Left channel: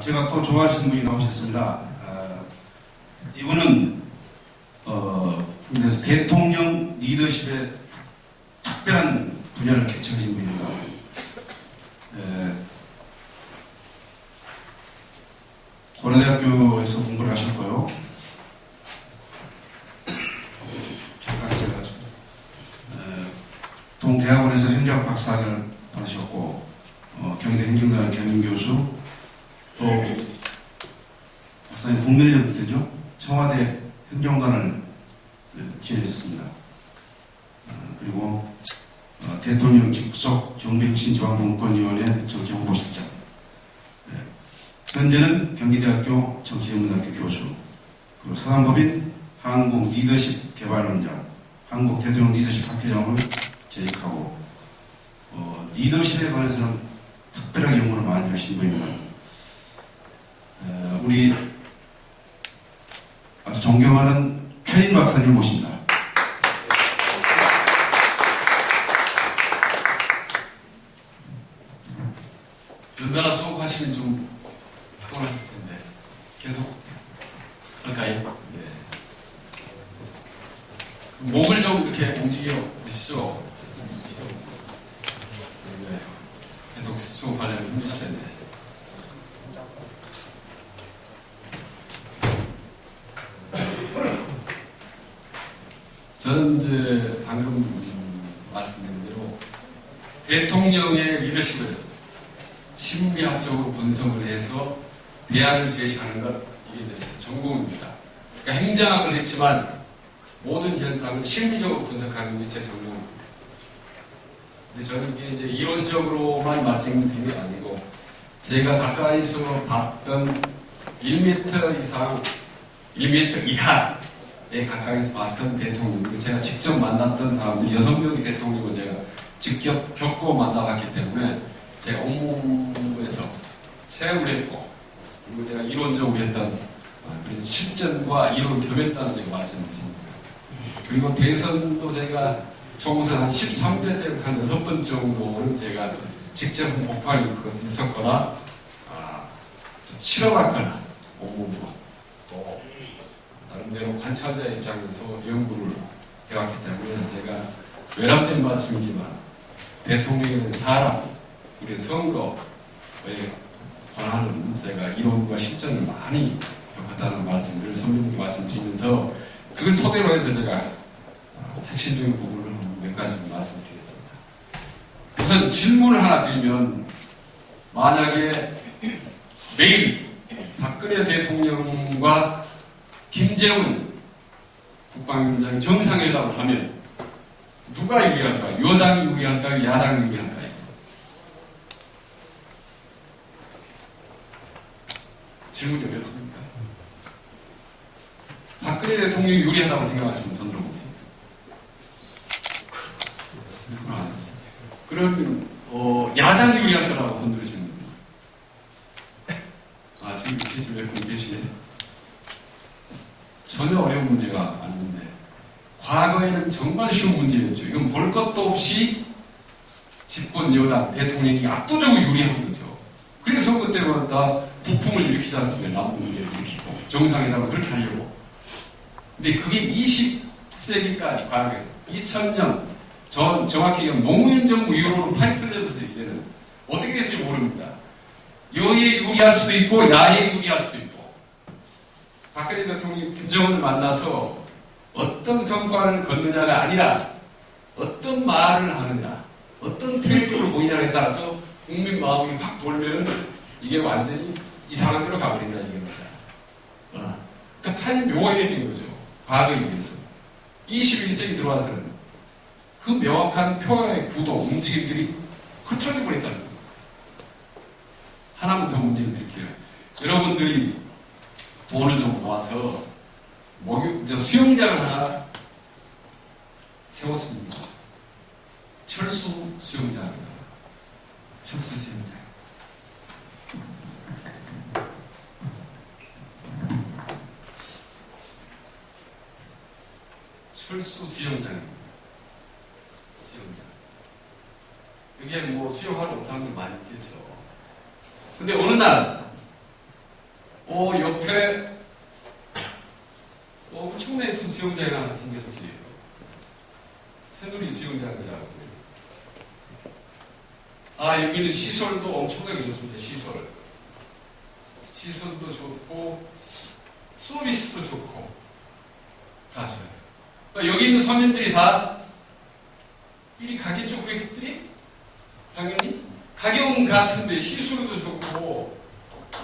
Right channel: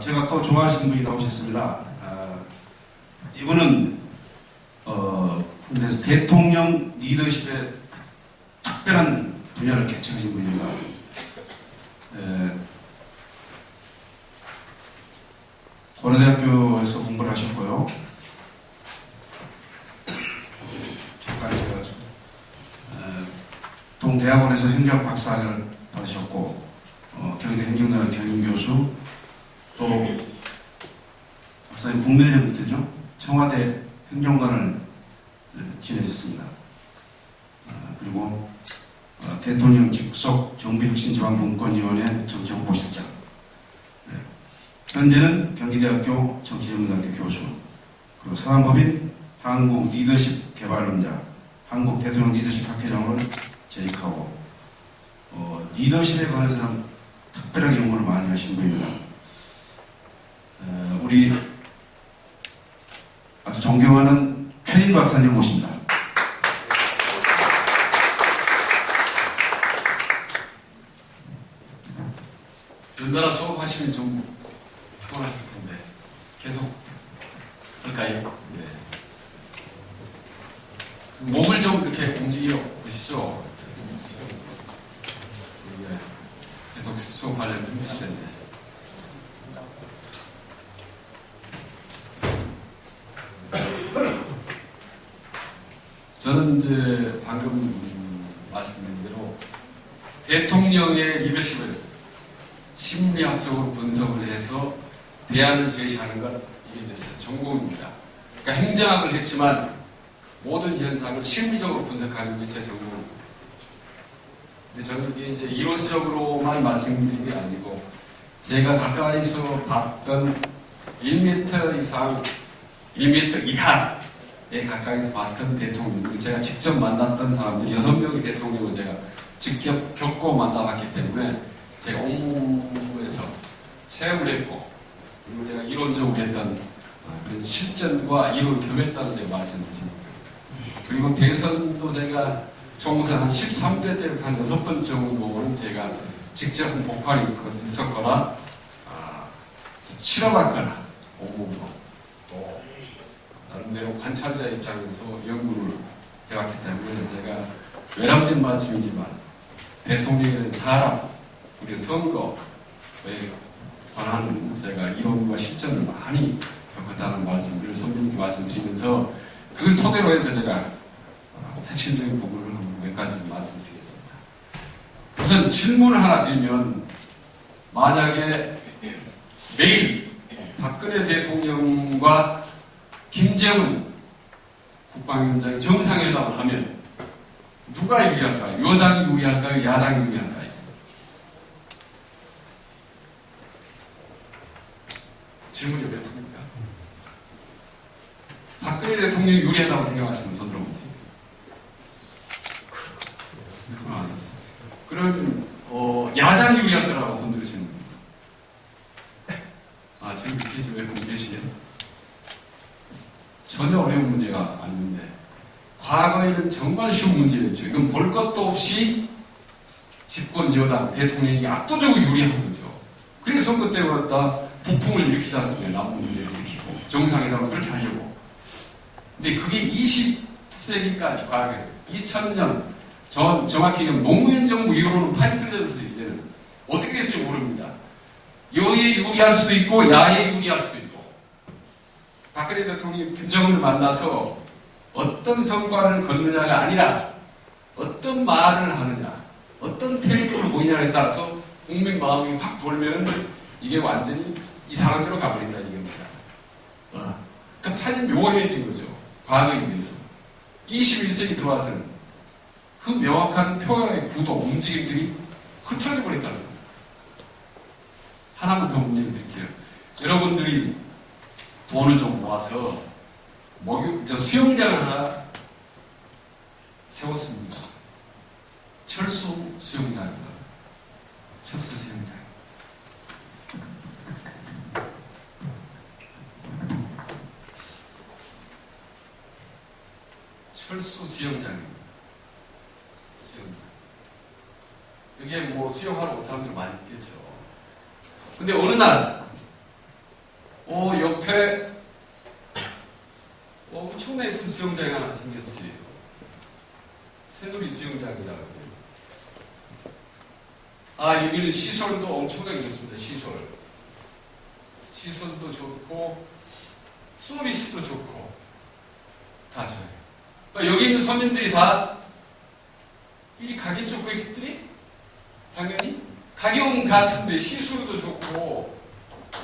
제가 또 좋아하시는 분이 나오셨습니다. 이분은 그래서 대통령 리더십의 특별한 분야를 개척하신 분입니다. 고려대학교에서 공부를 하셨고요. 잠깐 제가 동대학원에서 행정학 박사를 받으셨고, 경희대 행정대학 경영교수, 또 박사님 국민의힘 때죠. 청와대 행정관을 지내셨습니다. 그리고 대통령 직속 정부혁신지원분권위원회 정치홍보실장, 현재는 경기대학교 정치전문학교 교수, 그리고 서강법인 한국 리더십 개발원장, 한국 대통령 리더십 학회장으로 재직하고, 리더십에 관해서는 특별하게 연구를 많이 하신 분입니다. 우리 아주 존경하는 최인 박사님을 모십니다. 연달아 수업하시면 좀 피곤하실 텐데 계속 할까요? 네. 목을 좀 이렇게 움직여 보시죠. 계속 수업하려면 힘드실 텐데. 저는 이제 방금 말씀드린 대로 대통령의 리더십을 심리학적으로 분석을 해서 대안을 제시하는 것, 이게 이제 전공입니다. 그러니까 행정학을 했지만 모든 현상을 심리적으로 분석하는 게 제 전공입니다. 근데 저는 이게 이제 이론적으로만 말씀드린 게 아니고 제가 가까이서 봤던 1m 이상, 1m 이하에 가까이서 봤던 대통령들, 제가 직접 만났던 사람들 6명의 대통령을 제가 직접 겪고 만나봤기 때문에 제가 온몸에서 체험을 했고, 그리고 제가 이론적으로 했던 그런 실전과 이론을 겸했다는 제가 말씀드립니다. 그리고 대선도 제가 총선 한 13대 때부터 한 6번 정도는 제가 직접 목판이 있었거나 치러봤거나 온몸으로 또 나름대로 관찰자 입장에서 연구를 해왔기 때문에 제가 외람된 말씀이지만 대통령이라는 사람, 우리 선거에 관한 제가 이론과 실전을 많이 겪었다는 말씀들을 선배님께 말씀드리면서 그걸 토대로 해서 제가 핵심적인 부분을 몇 가지 말씀드리겠습니다. 우선 질문을 하나 드리면, 만약에 내일 박근혜 대통령과 김정은 국방위원장이 정상회담을 하면 누가 유리할까요? 여당이 유리할까요? 야당이 유리할까요? 질문이 어렵습니까? 박근혜 대통령이 유리하다고 생각하시면 손 들어보세요. 그러면 야당이 유리할 거라고 손 들으시는 분들. 저기 계신 몇 분 계시네. 전혀 어려운 문제가 아닌데, 과거에는 정말 쉬운 문제였죠. 이건 볼 것도 없이 집권 여당 대통령이 압도적으로 유리한 거죠. 그래서 선거 때마다 부풍을 일으키지 않습니까? 남북 문제를 일으키고 정상회담을 그렇게 하려고. 근데 그게 20세기까지 과거에 2000년 정확히 노무현 정부 이후로는 팔이 틀려져서 이제는 어떻게 될지 모릅니다. 여에 유리할 수도 있고 야에 유리할 수도 있고, 박근혜 대통령이 김정은을 만나서 어떤 성과를 거느냐가 아니라 어떤 말을 하느냐, 어떤 태도를 보이냐에 따라서 국민 마음이 확 돌면 이게 완전히 이상한 데로 가버린다 이겁니다. 그러니까 타이 묘해진 거죠. 과거에 비해서. 21세기 들어와서는 그 명확한 표현의 구도, 움직임들이 흐트러져 버린다는 겁니다. 하나만 더 문제를 드릴게요. 여러분들이 돈을 좀 모아서 수영장을 하나 세웠습니다. 철수 수영장입니다. 철수 수영장. 철수 수영장입니다. 수영장. 여기에 수영하러 온 사람들 많이 있겠죠. 근데 어느 날 옆에 엄청나게 큰 수영장이 하나 생겼어요. 새누리 수영장이라고 해요. 여기는 시설도 엄청나게 좋습니다. 시설도 좋고 서비스도 좋고 다 좋아요. 그러니까 여기 있는 손님들이 다 이리 가겠죠, 고객들이? 당연히 가격은 같은데 시설도 좋고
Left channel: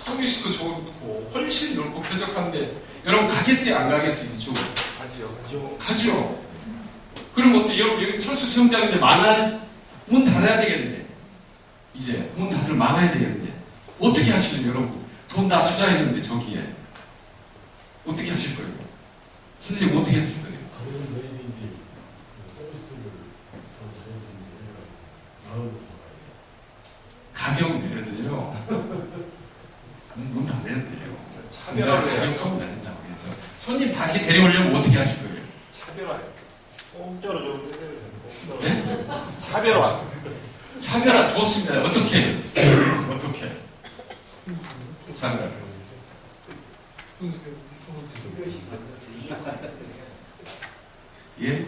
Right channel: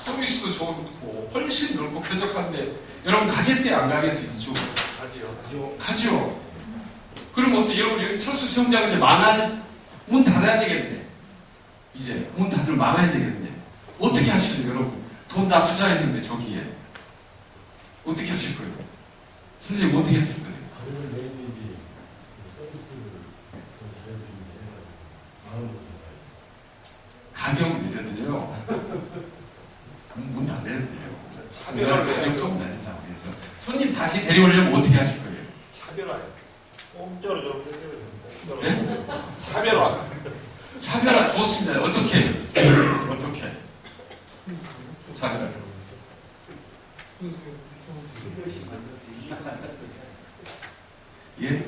서비스도 좋고 훨씬 넓고 쾌적한데 여러분 가겠어요, 안 가겠어요? 이쪽으로 가죠. 그럼 어때? 여러분 여기 철수 수영장 이제 문 닫아야 되겠네. 이제 문 닫을 막아야 되겠네. 어떻게 하실래요, 여러분? 돈 다 투자했는데 저기에 어떻게 하실 거예요? 선생님 어떻게 하실 거예요? 가격을 내리는지 서비스를 더 잘해드리는지 해가지고 마음으로 잡아야 돼요. 가격 내려도요. 문 닫아야 돼요. 차별화를 가격 좀 내린다고 해서 손님 다시 데려오려면 어떻게 하실 거예요? 차별화. 공짜로 좀 해드려야 됩니다. 네? 차별화. 차별화 좋습니다. 어떻게? 차별화를. 예?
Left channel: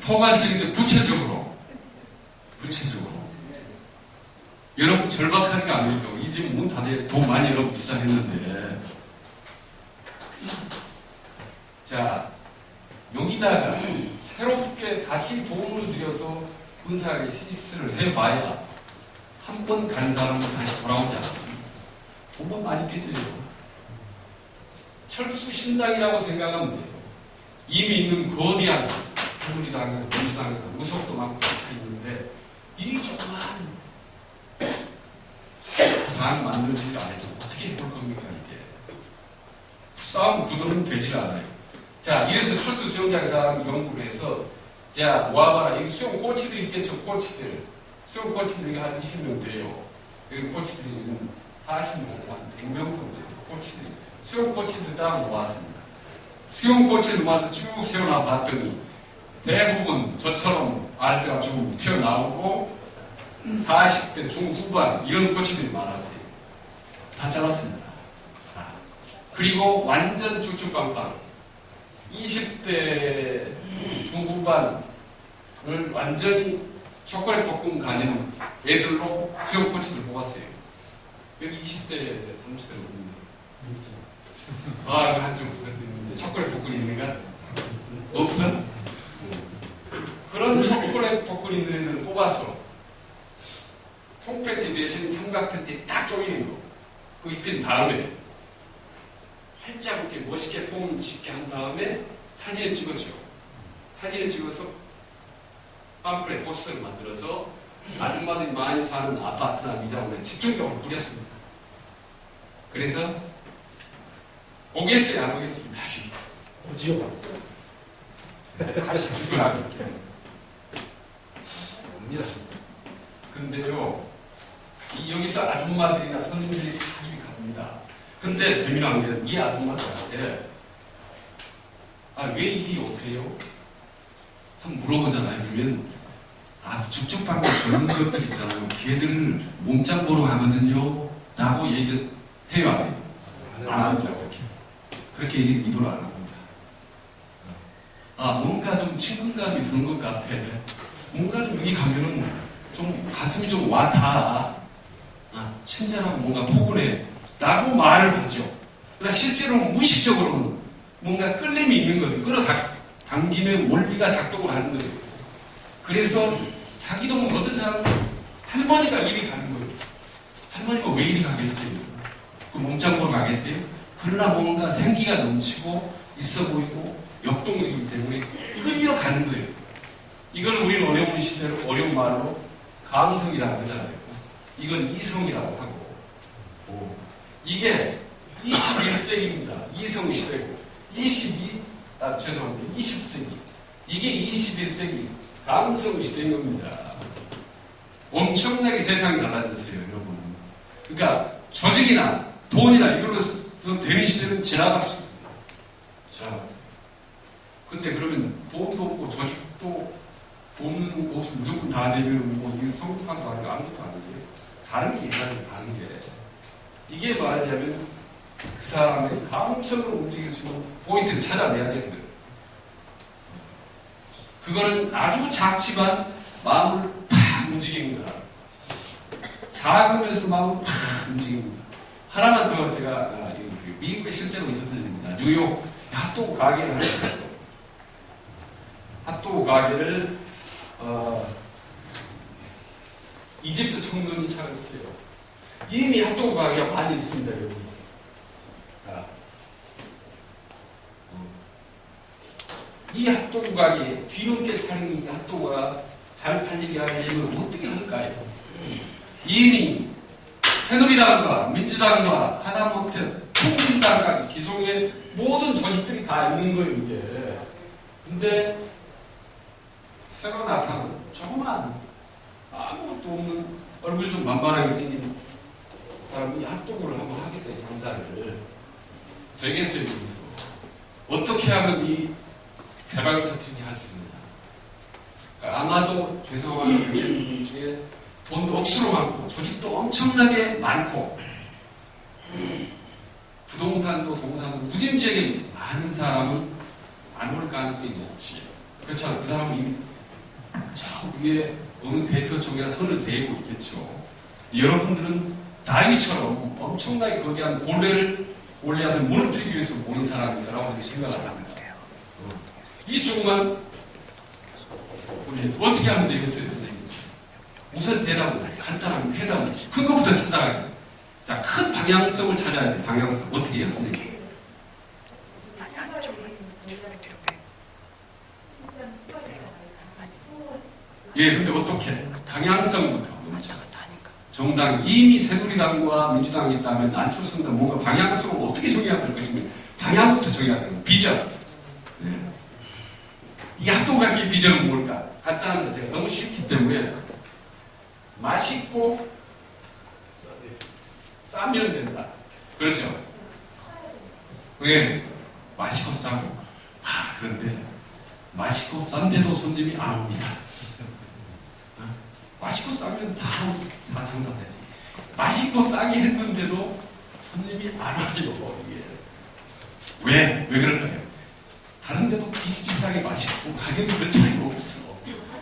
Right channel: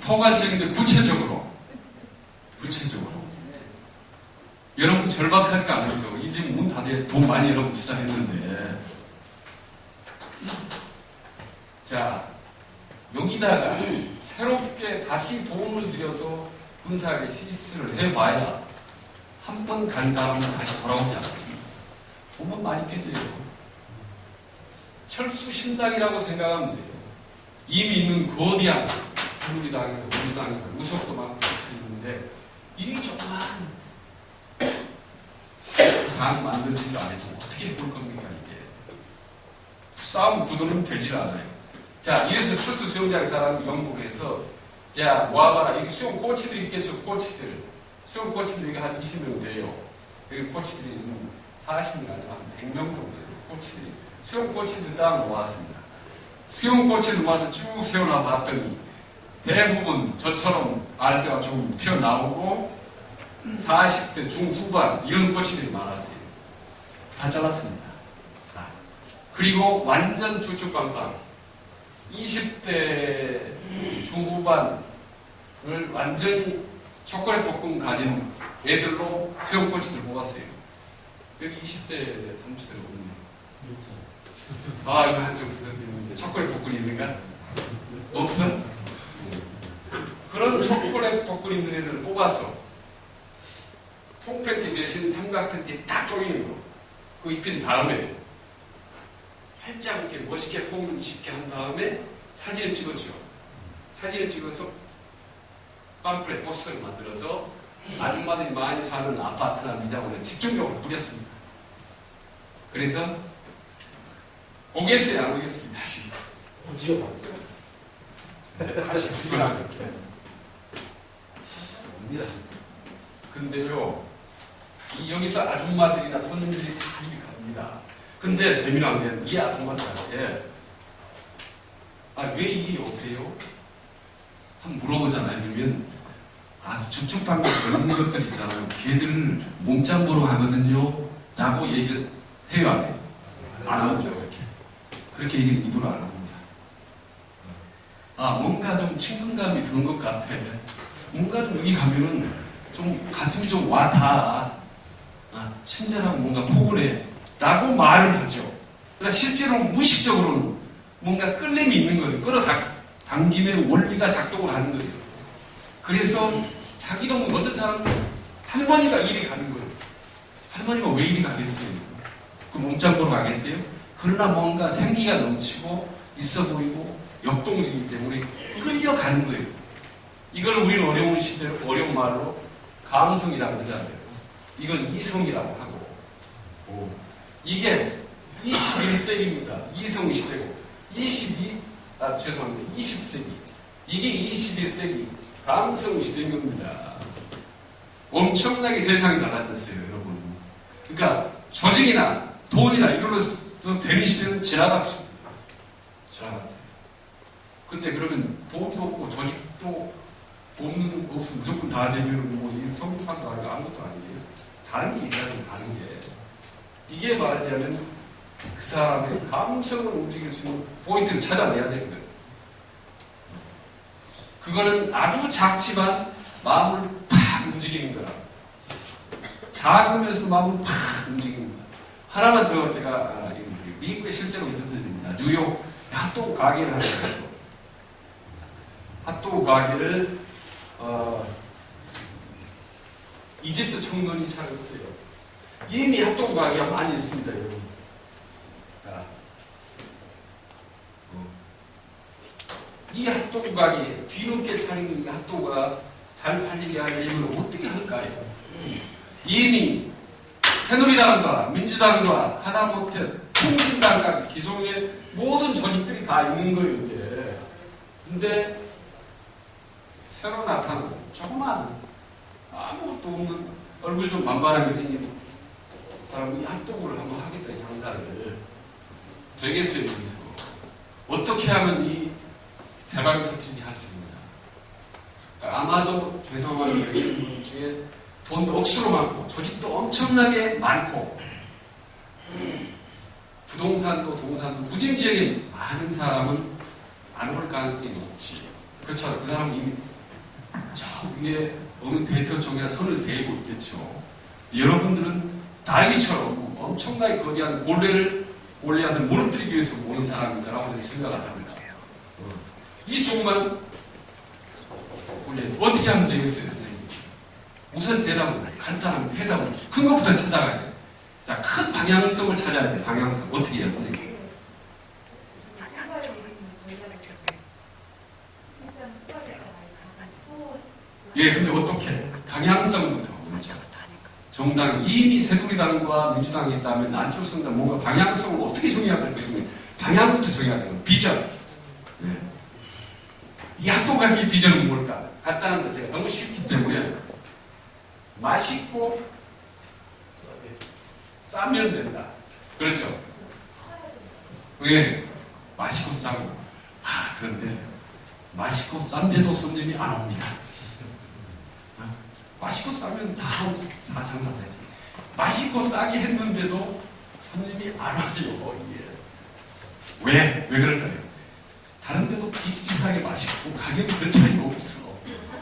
포괄적인데 구체적으로. 여러분 절박하지가 않으니까 이 집 문 닫아야 돈 많이 여러분 투자했는데. 자, 여기다가 새롭게 다시 돈을 들여서 군사하게 시스를 해봐야 한 번 간 사람은 다시 돌아오지 않습니다. 돈만 많이 깨져요. 철수 신당이라고 생각하면 돼요. 이미 있는 거대한 새누리당이나 민주당이나 의석도 많고 있는데 이 조그만 당 만들어지지 않아서 어떻게 해볼 겁니까 이게. 싸움 구도는 되질 않아요. 자, 이래서 철수 수영장 사람이 연구를 해서 자, 모아봐라. 여기 수영 코치들이 있겠죠, 코치들. 수영 코치들이 한 20명 돼요. 여기 코치들이 40명 아니라 한 100명 정도 돼요, 코치들이. 수영 코치들 딱 모았습니다. 수영 코치를 모아서 쭉 세워놔 봤더니 대부분 저처럼 아랫배가 좀 튀어나오고 40대 중후반 이런 코치들이 많았어요. 다 잘랐습니다. 다. 그리고 완전 쭉쭉빵빵 20대 중후반을 완전히 초콜릿 볶음 가진 애들로 수영 코치들 뽑았어요. 여기 20대, 30대로 있네. 한쪽 있는데 초콜릿 볶음이 있는가? 없어? 그런 초콜릿 볶음 있는 애들을 뽑아서 통팬티 대신 삼각 팬티 딱 조이는 거. 그거 입힌 다음에 활짝 이렇게 멋있게 폼을 짓게 한 다음에 사진을 찍었죠. 사진을 찍어서 팜프렛 포스터를 만들어서 아줌마들이 많이 사는 아파트나 미장원에 집중적으로 뿌렸습니다. 그래서 오겠어요, 안 오겠어요? 다시. 다시 집어넣을게요. 근데요, 여기서 아줌마들이나 손님들이 입이 갑니다. 근데 재미난 게 이 아줌마들한테 왜 이리 오세요? 한번 물어보잖아요. 그러면 죽죽방구 젊은 것들 있잖아요. 걔들 몸짱 보러 가거든요. 라고 얘기를 해요, 안 해요? 안 합니다. 그렇게 얘기를 입으로 안 합니다. 뭔가 좀 친근감이 드는 것 같아. 뭔가 좀 여기 가면은 좀 가슴이 좀 와닿아. 친절하고 뭔가 포근해. 라고 말을 하죠. 그러나 실제로는 무의식적으로는 뭔가 끌림이 있는 거예요. 끌어당김의 원리가 작동을 하는 거예요. 그래서 자기도 어떤 사람은 할머니가 이리 가는 거예요. 할머니가 왜 이리 가겠어요? 그 몸짱 보러 가겠어요? 그러나 뭔가 생기가 넘치고 있어 보이고 역동적이기 때문에 끌려가는 거예요. 이걸 우리는 어려운 시대로, 어려운 말로 감성이라고 하잖아요. 이건 이성이라고 하고, 이게 21세기입니다. 이성시대고, 20세기. 이게 21세기 감성시대인 겁니다. 엄청나게 세상이 달라졌어요, 여러분. 그러니까 조직이나 돈이나 이걸로서 되는 시대는 지나갔습니다. 지나갔어요. 근데 그러면 돈도 없고 조직도 없으면 무조건 다 되면 이 성공한도 아니고 아무것도 아니에요. 다른 게 있어야 돼, 다른 게. 이게 말하자면 그 사람의 감성을 움직일 수 있는 포인트를 찾아내야 되는 거예요. 그거는 아주 작지만 마음을 팍 움직이는 거라. 작으면서 마음을 팍 움직이는 거야. 하나만 더 제가 미국에 실제로 있었을 때입니다. 뉴욕 핫도그 가게를 하는 거예요. 핫도그 가게를 이집트 청년이 차렸어요. 이미 핫도그 가게가 많이 있습니다, 여러분. 자, 이 핫도그 가게 뒤늦게 차린 이 핫도그가 잘 팔리게 하려면 어떻게 할까요? 이미 새누리당과 민주당과 하다못해 통일당까지 기존의 모든 조직들이 다 있는 거예요, 이게. 근데 새로 나타난 조그만 아무것도 없는 얼굴 좀 만만하게 생긴 사람이 핫도그를 한번 하겠다, 이 장사를. 되겠어요, 여기서. 어떻게 하면 이 대박을 터뜨리게 할 수 있느냐. 아마도 죄송한 여기 중에 돈도 억수로 많고 조직도 엄청나게 많고 부동산도 동산도 무진지하게 많은 사람은 안 올 가능성이 높지. 그렇잖아요. 그 사람은 이미 저 위에 어느 대표총회가 선을 대고 있겠죠. 여러분들은 다윗처럼 엄청나게 거대한 골리앗을 무너뜨리기 위해서 모인 사람이다라고 저는 생각을 합니다. 이 조그만 골리앗 어떻게 하면 되겠어요, 선생님? 우선 대답을 해요. 간단한 해답을. 큰 것부터 찾아가야 돼. 자, 큰 방향성을 찾아야 돼. 방향성. 어떻게 해요, 선생님? 예, 근데 어떻게? 방향성부터 먼저. 정당, 이미 새누리당과 민주당이 있다면 안철수 의원 뭔가 방향성을 어떻게 정해야 될 것인가? 방향부터 정해야 되는 비전. 예. 이 핫도그 가게의 비전은 뭘까? 간단한 거 제가 너무 쉽기 때문에 맛있고 싸면 된다. 그렇죠? 왜? 맛있고 싸고. 그런데 맛있고 싼데도 손님이 안 옵니다. 맛있고 싸면 다 장사되지. 맛있고 싸게 했는데도 손님이 안 와요, 이게. 왜 그럴까요? 다른 데도 비슷비슷하게 맛있고 가격이 별 차이가 없어.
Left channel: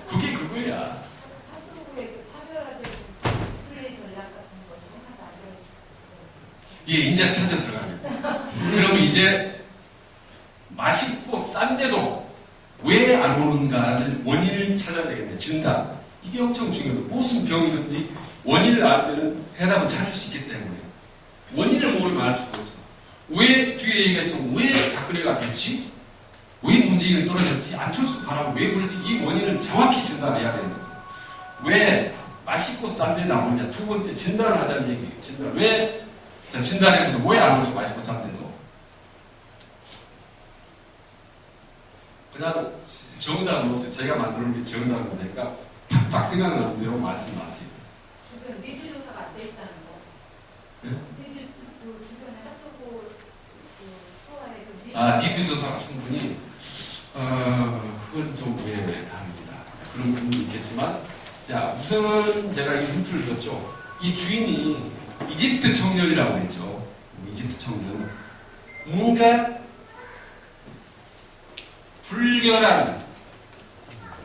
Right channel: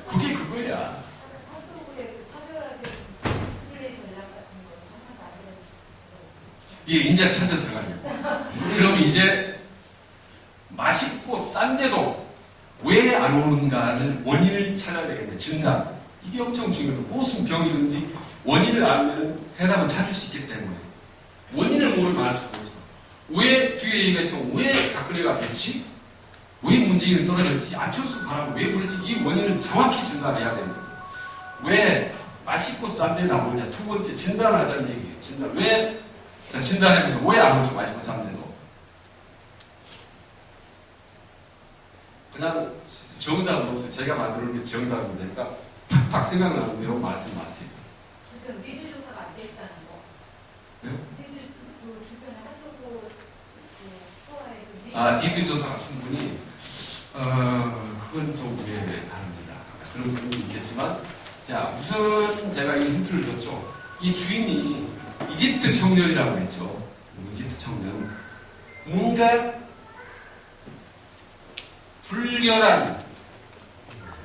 그게 그거야. 예, 이제 찾아 들어가려고. 그러면 이제 맛있고 싼데도 왜 안 오는가를 원인을 찾아야 되겠네. 진단. 이게 엄청 중요해요. 무슨 병이든지 원인을 알면 해답을 찾을 수 있기 때문에. 원인을 모르면 알 수가 없어. 왜 뒤에 얘기가 있죠? 왜 박근혜가 됐지? 왜 문재인은 떨어졌지? 안철수 바람 왜 불지? 이 원인을 정확히 진단해야 되는 거죠. 왜 맛있고 싼데 나오냐? 두 번째 진단하자는 얘기예요. 진단. 왜? 자, 진단해보세요. 왜 안 오죠? 맛있고 싼데도. 그냥 정답은 없어요. 제가 만들어 놓은 게 정답은 되니까 팍팍 생각나는 대로 말씀하세요. 주변 니즈 조사가 안 돼 있다는 거. 네? 니즈 그 주변에 핫도그 그 스토어에 니즈 조사가 충분히 그건 좀 다릅니다. 그런 부분도 있겠지만, 자, 우선 제가 이 힌트를 줬죠. 이 주인이 이집트 청년이라고 했죠. 이집트 청년. 뭔가 불결한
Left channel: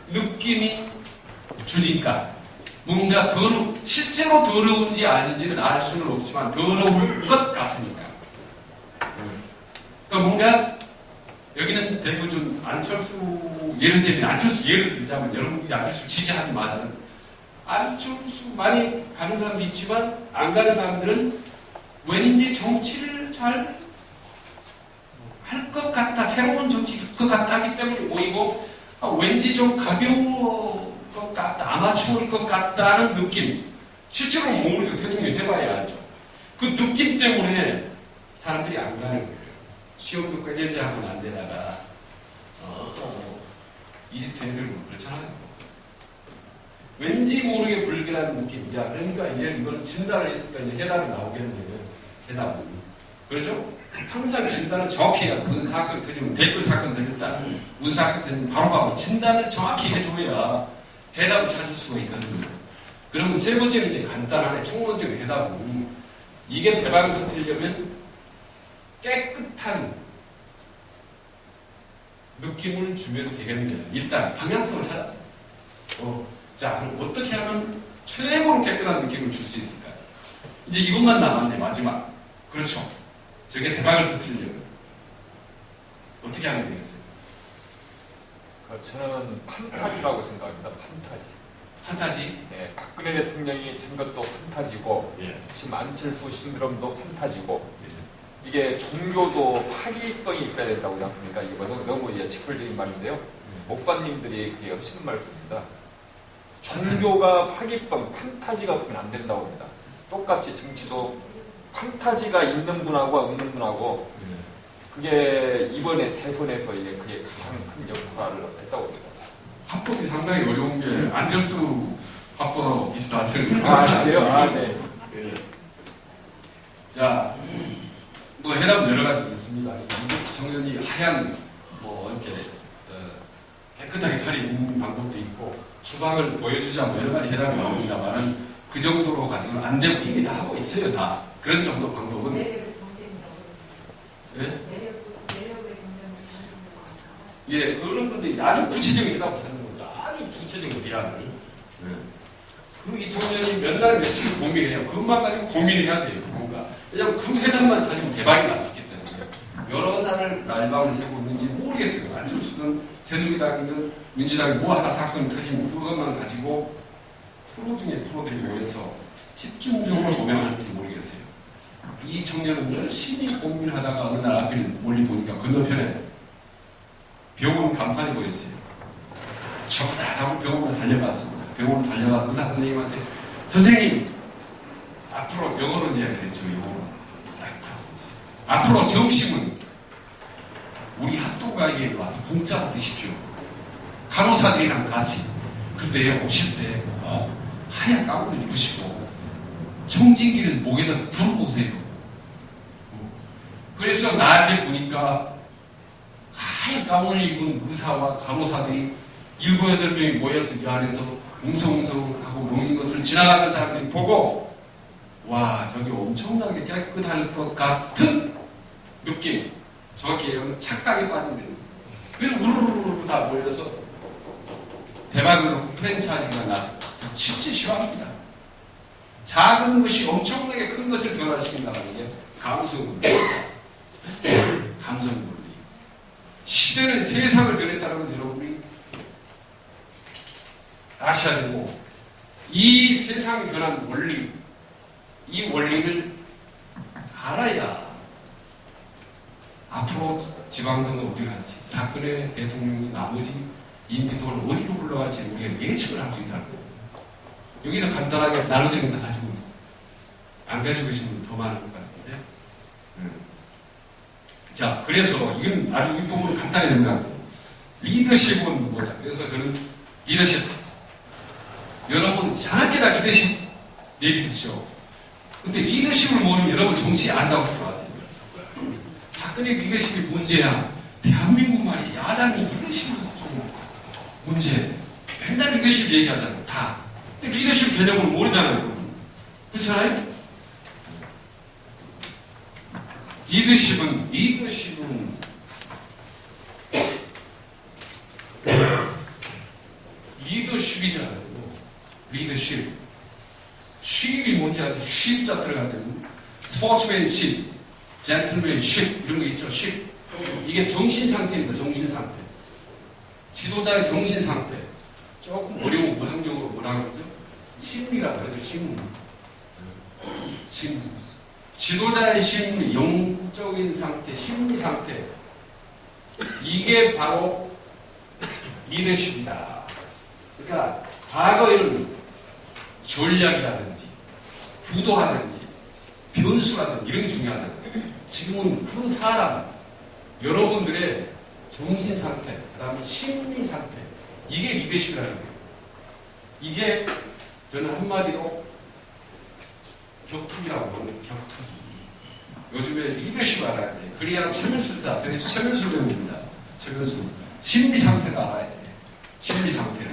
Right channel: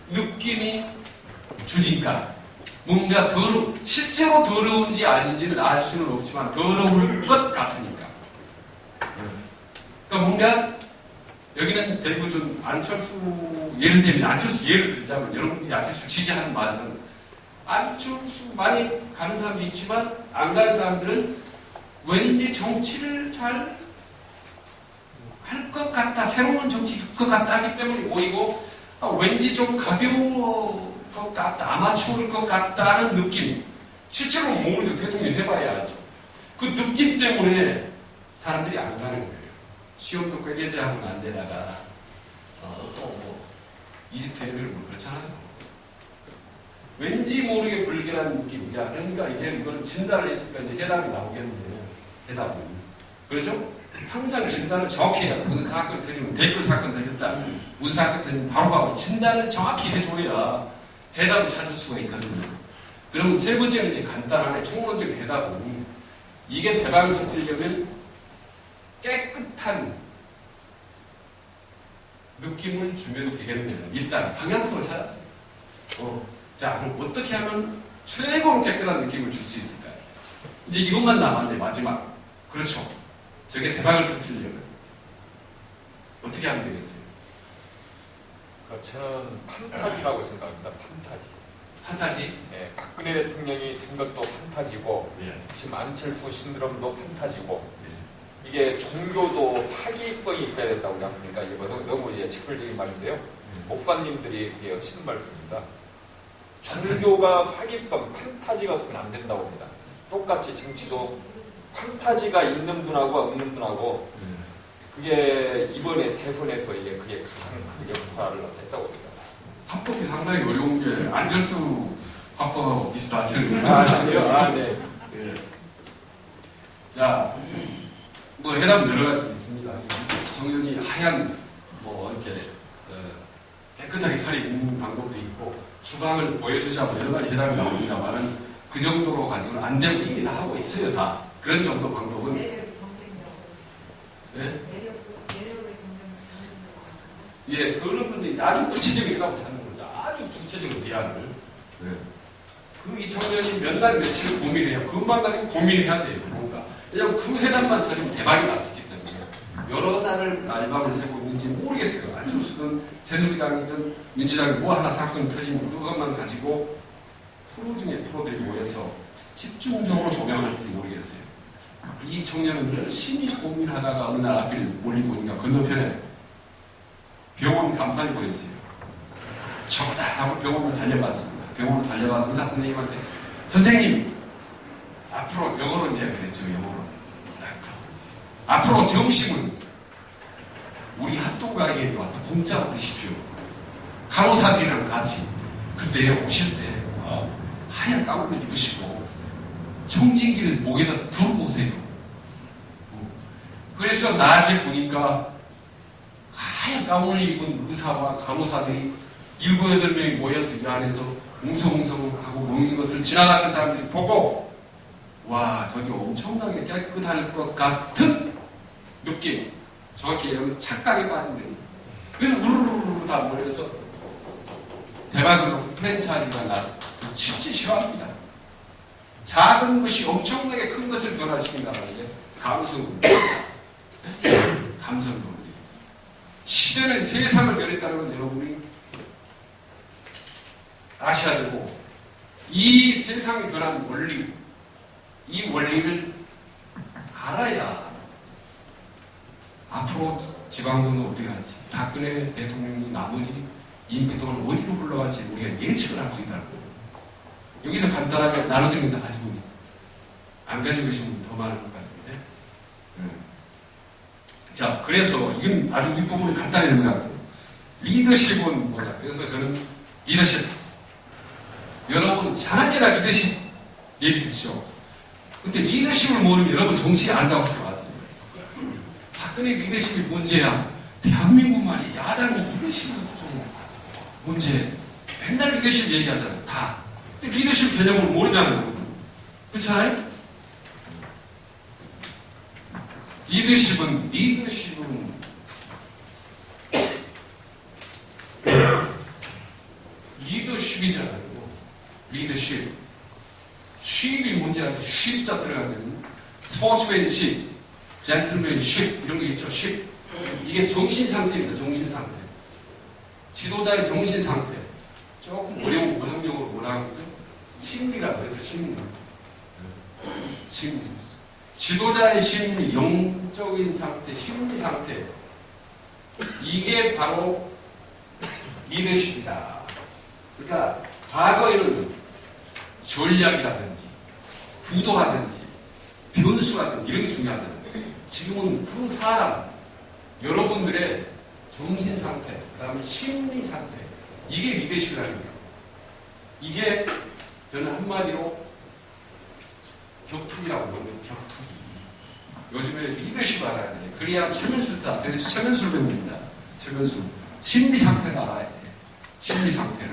느낌이 주니까 뭔가 실제로 더러운지 아닌지는 알 수는 없지만 더러울 것 같으니까. 그러니까 뭔가 여기는 대부분 좀 안철수 예를 들면 안철수 예를 들자면 여러분들이 안철수 지지하는 말은 안철수 많이 가는 사람도 있지만 안 가는 사람들은 왠지 정치를 잘 할 것 같다, 새로운 정치 될 것 같다 하기 때문에 모이고 왠지 좀 가벼울 것 같다, 아마추어일 것 같다는 느낌. 실제로 모르죠. 대통령 해봐야 알죠. 그 느낌 때문에 사람들이 안 가는 거예요. 시험도 꾀제제하고 난 데다가 또 이집트 애들 뭐 그렇잖아요. 왠지 모르게 불길한 느낌. 야, 그러니까 이제 이거는 진단을 했으니까 이제 해답이 나오겠네. 해답은. 그렇죠? 항상 진단을 정확히 해야 돼. 무슨 사건이 터지면 댓글 사건 터졌다. 무슨 사건 터지면 바로바로 진단을 정확히 해줘야 해답을 찾을 수가 있거든요. 그러면 세 번째는 이제 간단하게 총론적으로 해다 보니 이게 대박을 터뜨리려면 깨끗한 느낌을 주면 되겠네요. 일단 방향성을 찾았어요. 자, 그럼 어떻게 하면 최고로 깨끗한 느낌을 줄 수 있을까요? 이제 이것만 남았네, 마지막. 그렇죠. 저게 대박을 터뜨리려면 어떻게 하면 되겠어요? 저는 판타지라고 생각합니다. 판타지. 네, 박근혜 대통령이 된 것도 판타지고, 예. 지금 안철수 신드롬도 판타지고, 예. 이게 종교도 사기성이 있어야 된다고 생각합니까? 이거 너무 직설적인 말인데요. 목사님들이 하시는 말씀입니다. 종교가 사기성, 판타지가 없으면 안 된다고 합니다. 똑같이 정치도 판타지가 있는 분하고 없는 분하고, 그게 이번에 대선에서 그게 가장 큰 역할을 했다고 봅니다. 화법이 상당히 어려운 게 안철수 화법하고 비슷하죠. 네. 자, 뭐 해답은 여러 가지 있습니다. 청년이 하얀 이렇게 깨끗하게 차리는 방법도 있고 주방을 보여주자 여러 가지 해답이 나옵니다만은 그 정도로 가지고는 안 되고 이미 다 하고 있어요. 다 그런 정도 방법은. 매력의 경쟁이라고. 예? 매력의 경쟁을 예, 그런 건데 아주 구체적인 해답을 찾는 거죠. 아주 구체적인 대안을. 이 청년이 몇 날 며칠을 고민해야 그것만 가지고 고민해야 돼요. 뭔가. 왜냐하면 그 해답만 찾으면 대박이 날 수 있기 때문에 여러 날을 날밤을 새고 있는지 모르겠어요. 안철수든 새누리당이든 민주당이 뭐 하나 사건이 터지면 그것만 가지고 프로 중에 프로들이 모여서 집중적으로 조명하는지 모르겠어요. 이 청년은 열심히 고민하다가 어느 날 앞을 멀리 보니까 건너편에 병원 간판이 보였어요. 저거다 하고 병원으로 달려갔습니다. 병원으로 달려가서 의사 선생님한테 선생님 앞으로 영어로 이야기했죠. 영어로 앞으로 점심은 우리 핫도그 가게에 와서 공짜로 드십시오. 간호사들이랑 같이. 근데 오실 때 꼭 하얀 가운을 입으시고 청진기를 목에다 두르고 오세요. 그래서 낮에 보니까 하얀 가운을 입은 의사와 간호사들이 7, 8명이 모여서 이 안에서 웅성웅성하고 먹는 것을 지나가는 사람들이 보고 와, 저기 엄청나게 깨끗할 것 같은 느낌. 정확히 얘기하면 착각에 빠진 거지. 그래서 우르르르 다 몰려서 대박으로 프랜차이즈가 나 진짜 싫어합니다. 작은 것이 엄청나게 큰 것을 변화시킨다는 게 감성 논리. 감성 논리. 시대는 세상을 변했다는 걸 여러분이 아셔야 되고 이 세상이 변한 원리, 이 원리를 알아야 앞으로 지방선거 어디 갈지, 박근혜 대통령이 나머지 인기 동안 어디로 흘러갈지 우리가 예측을 할 수 있다는 거예요. 여기서 간단하게 나눠드린 거 다 가지고 안 가지고 계신 분 더 많은 것 같은데. 자, 그래서 이건 아주 윗부분이 간단히 되는 것 같아요. 리더십은 뭐냐? 그래서 저는 리더십. 여러분, 자나깨나 리더십 얘기 듣죠? 근데 리더십을 모르면 여러분 정치 안다고 하지 마세요. 박근혜 리더십이 문제야. 대한민국 말이 야당이 리더십이 좀 문제. 맨날 리더십 얘기하잖아요. 다. 근데 리더십 개념을 모르잖아요. 그렇잖아요? 리더십은 리더십이잖아요. 리더십. 쉽이 뭔지한테 쉽자 들어가든 스포츠맨십, 젠틀맨십 이런 게 있죠. 십. 이게 정신 상태입니다. 정신 상태. 지도자의 정신 상태. 조금 어려운 의학용어로 뭐라고 하죠? 심리라고 그러죠. 심리. 심리. 지도자의 심리, 영적인 상태, 심리 상태. 이게 바로 리더십이다. 그러니까 과거에는 전략이라든지 구도라든지 변수라든지 이런 게 중요하잖아요. 지금은 그 사람, 여러분들의 정신 상태, 그 다음에 심리 상태, 이게 리더십이라는 거예요. 이게 저는 한마디로 격투기라고 부르는 격투기. 요즘에 리더십 알아야 돼. 그래야 최면술사, 저는 최면술 배웁니다. 최면술. 심리 상태가 알아야 돼. 심리 상태를.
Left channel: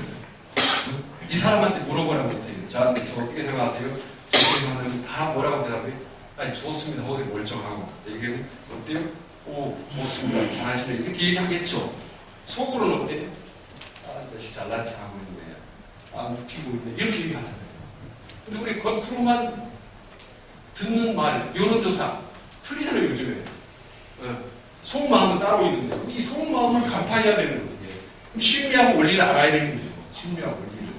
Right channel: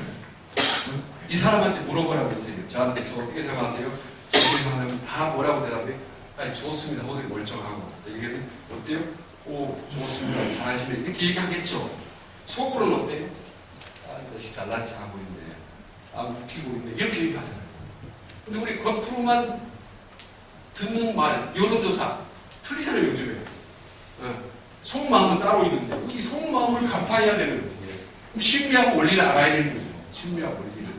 이 사람한테 물어보라고 했어요. 저한테 저 어떻게 생각하세요? 저렇게 하면 다 뭐라고 대답해? 아니 좋습니다. 어디 멀쩡하고. 이게 어때요? 오 좋습니다. 잘하시네. 이렇게 얘기하겠죠. 속으로는 어때? 아 이 자식 잘난 척하고 있네. 아 웃기고 있네. 이렇게 얘기하잖아요. 근데 우리 겉으로만 듣는 말, 여론조사 틀리잖아요 요즘에. 속마음은 따로 있는데 이 속마음을 간파해야 되는 거지. 그럼 심리학 원리를 알아야 되는 거죠. 심리학 원리를.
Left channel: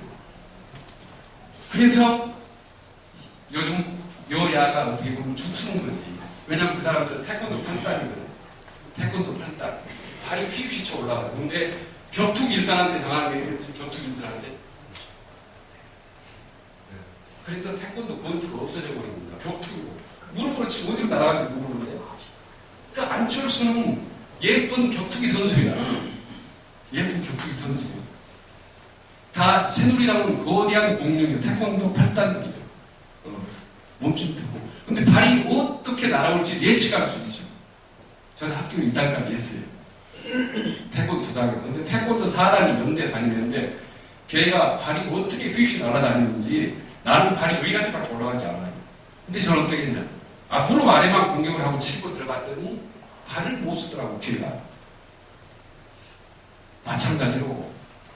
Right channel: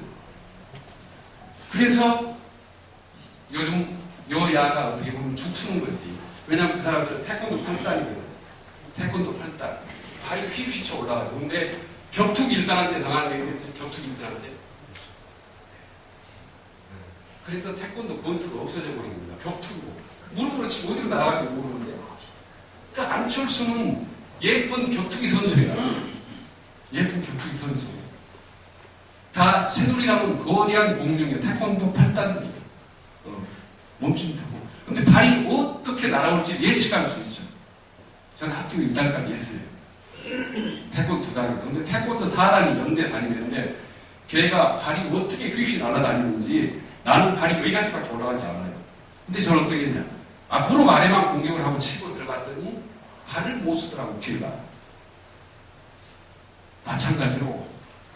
그래서 요즘 여야가 어떻게 보면 죽쓰는 거지. 왜냐하면 그 사람들은 태권도 8단이거든. 태권도 8단. 발이 휘휘쳐 올라가요. 근데 격투기 1단한테 당하는 게 있겠어요? 격투기 1단한테. 그래서 태권도 권투가 없어져 버린 겁니다. 격투기로. 무릎으로 치고 어디로 날아갈지 모르는데. 그러니까 안철수는 예쁜 격투기 선수야. 예쁜 격투기 선수. 다 새누리당은 거대한 공룡이야. 태권도 8단이에요. 몸짓하고. 근데 발이 어떻게 날아올지 예측할 수 있어요. 저는 학교 2단까지 했어요. 태권도 2단이거든요. 근데 태권도 4단이 연대 다니는데 걔가 발이 어떻게 휘휘 날아다니는지 나는 발이 여기까지밖에 올라가지 않아요. 근데 저는 어떻게 했냐. 무릎 아래만 공격을 하고 치고 들어갔더니 발을 못 쓰더라고 걔가. 마찬가지로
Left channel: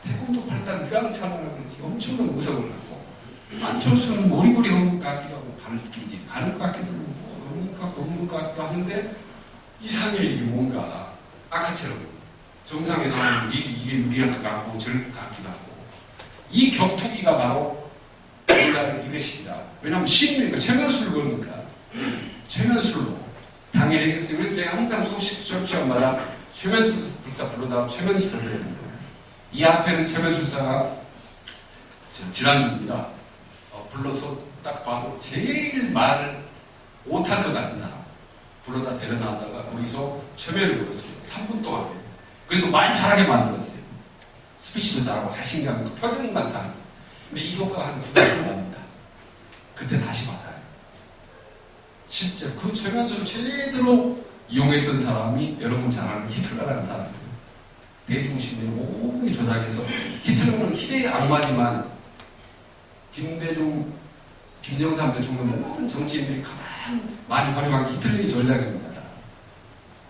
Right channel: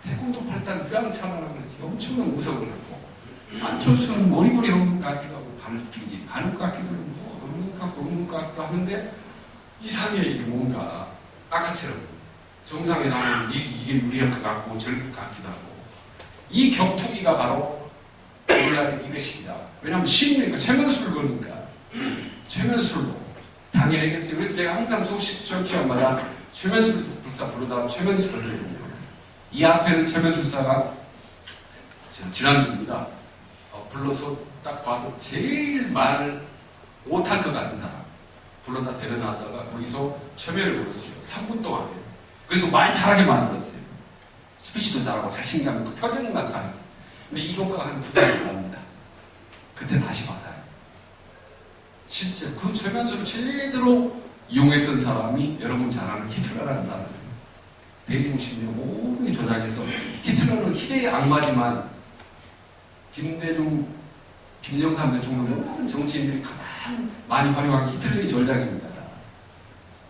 태권도 8단 휴양차라는 그런지 엄청난 무섭을 했고 안철수는 머리머리 하는 것 같기도 하고 발길이 가는 것 같기도 하고 뭐 없는 것 같고 없는 것 같기도 하는데 이상해. 이게 뭔가 아까처럼 정상에 나오면 이게 유리할 것 같고 저럴 것 같기도 하고 이 격투기가 바로 오늘날의 리더십이다. 왜냐하면 신이니까 최면술을 거니까 최면술로 당일에겠어요. 그래서 제가 항상 수업 시간마다 최면술 불사 부르다가 최면술을 해거든요. 이 앞에는 최면술사가 지난주입니다. 불러서 딱 봐서 제일 말 못할 것 같은 사람 불러다 데려놨다가 거기서 최면을 걸었어요. 3분 동안 해요. 그래서 말 잘하게 만들었어요. 스피치도 잘하고 자신감 있고 표준만 다르고. 근데 이 효과가 한 2달 납니다. 그때 다시 받아요. 실제 그 최면술을 제대로 이용했던 사람이 여러분 잘 아는 히틀러라는 사람이에요. 대중심리를 모든 게 조작해서 히틀러는 희대의 악마지만 김대중, 김영삼 대통령 모든 정치인들이 가장 많이 활용한 히틀러의 전략입니다.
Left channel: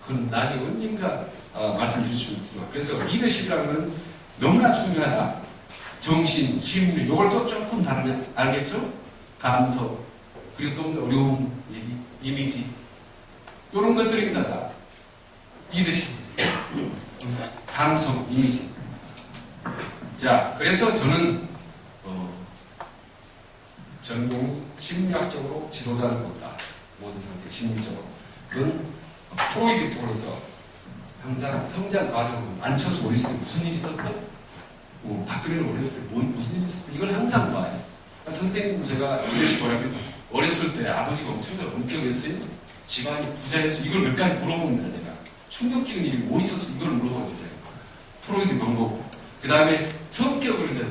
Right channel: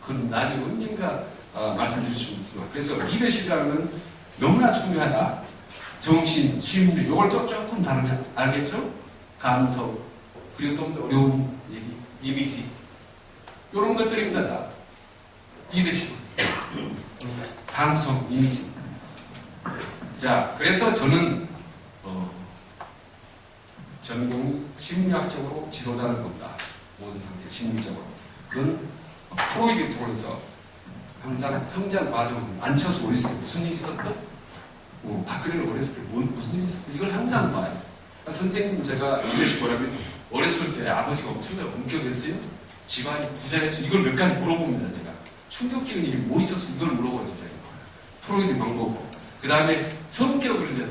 그건 나중에 언젠가 말씀드릴 수 있지만 그래서 리더십이라는 건 너무나 중요하다. 정신, 심리, 이걸 또 조금 다르면 알겠죠? 감성, 그리고 좀 더 어려운 얘기, 이미지 이런 것들입니다. 다. 리더십, 감성, 이미지. 자, 그래서 저는 전공이 심리학적으로 지도자를 본다. 모든 상태 심리적으로. 그건 프로이드를 통해서 항상 성장 과정은 안철수 어렸을 때 무슨 일이 있었어? 박근혜를 어렸을 때 무슨 일이 있었어? 이걸 항상 봐요. 그러니까 선생님 제가 리더십 뭐냐면 어렸을 때 아버지가 엄청나게 엄격했어요. 집안이 부자였어. 이걸 몇 가지 물어봅니다. 내가. 충격적인 일이 뭐 있었어? 이걸 물어보죠. 제가. 프로이드 방법. 그 다음에 성격을 이제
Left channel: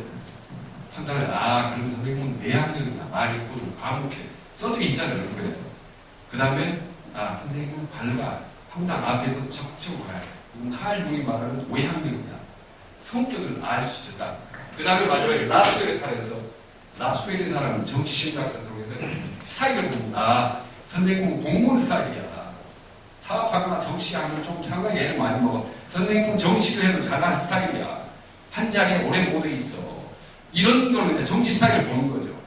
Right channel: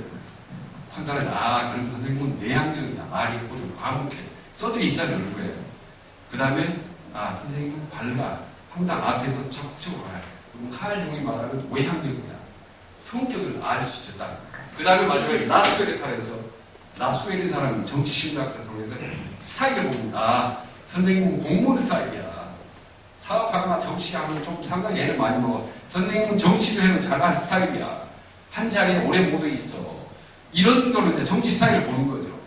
판단을 그러면 선생님은 내향적이냐 말이 있고 좀 과묵해. 써져 있잖아요. 얼굴에. 그 다음에 선생님은 밝아. 항상 앞에서 적극적으로 가요. 그럼 칼 융이 말하는 외향적이냐. 성격을 알 수 있다. 그 다음에 마지막에 라스베르탈에서 라스베르 사람은 정치 심리학을 통해서 스타일을 봅니다. 선생님은 공무원 스타일이야. 사업하거나 정치하면 좀 상당히 애를 많이 먹어. 선생님은 정치를 해도 잘할 스타일이야. 한 자리에 오래 못 있어. 이런 걸로 이제 정치 스타일을 보는 거죠.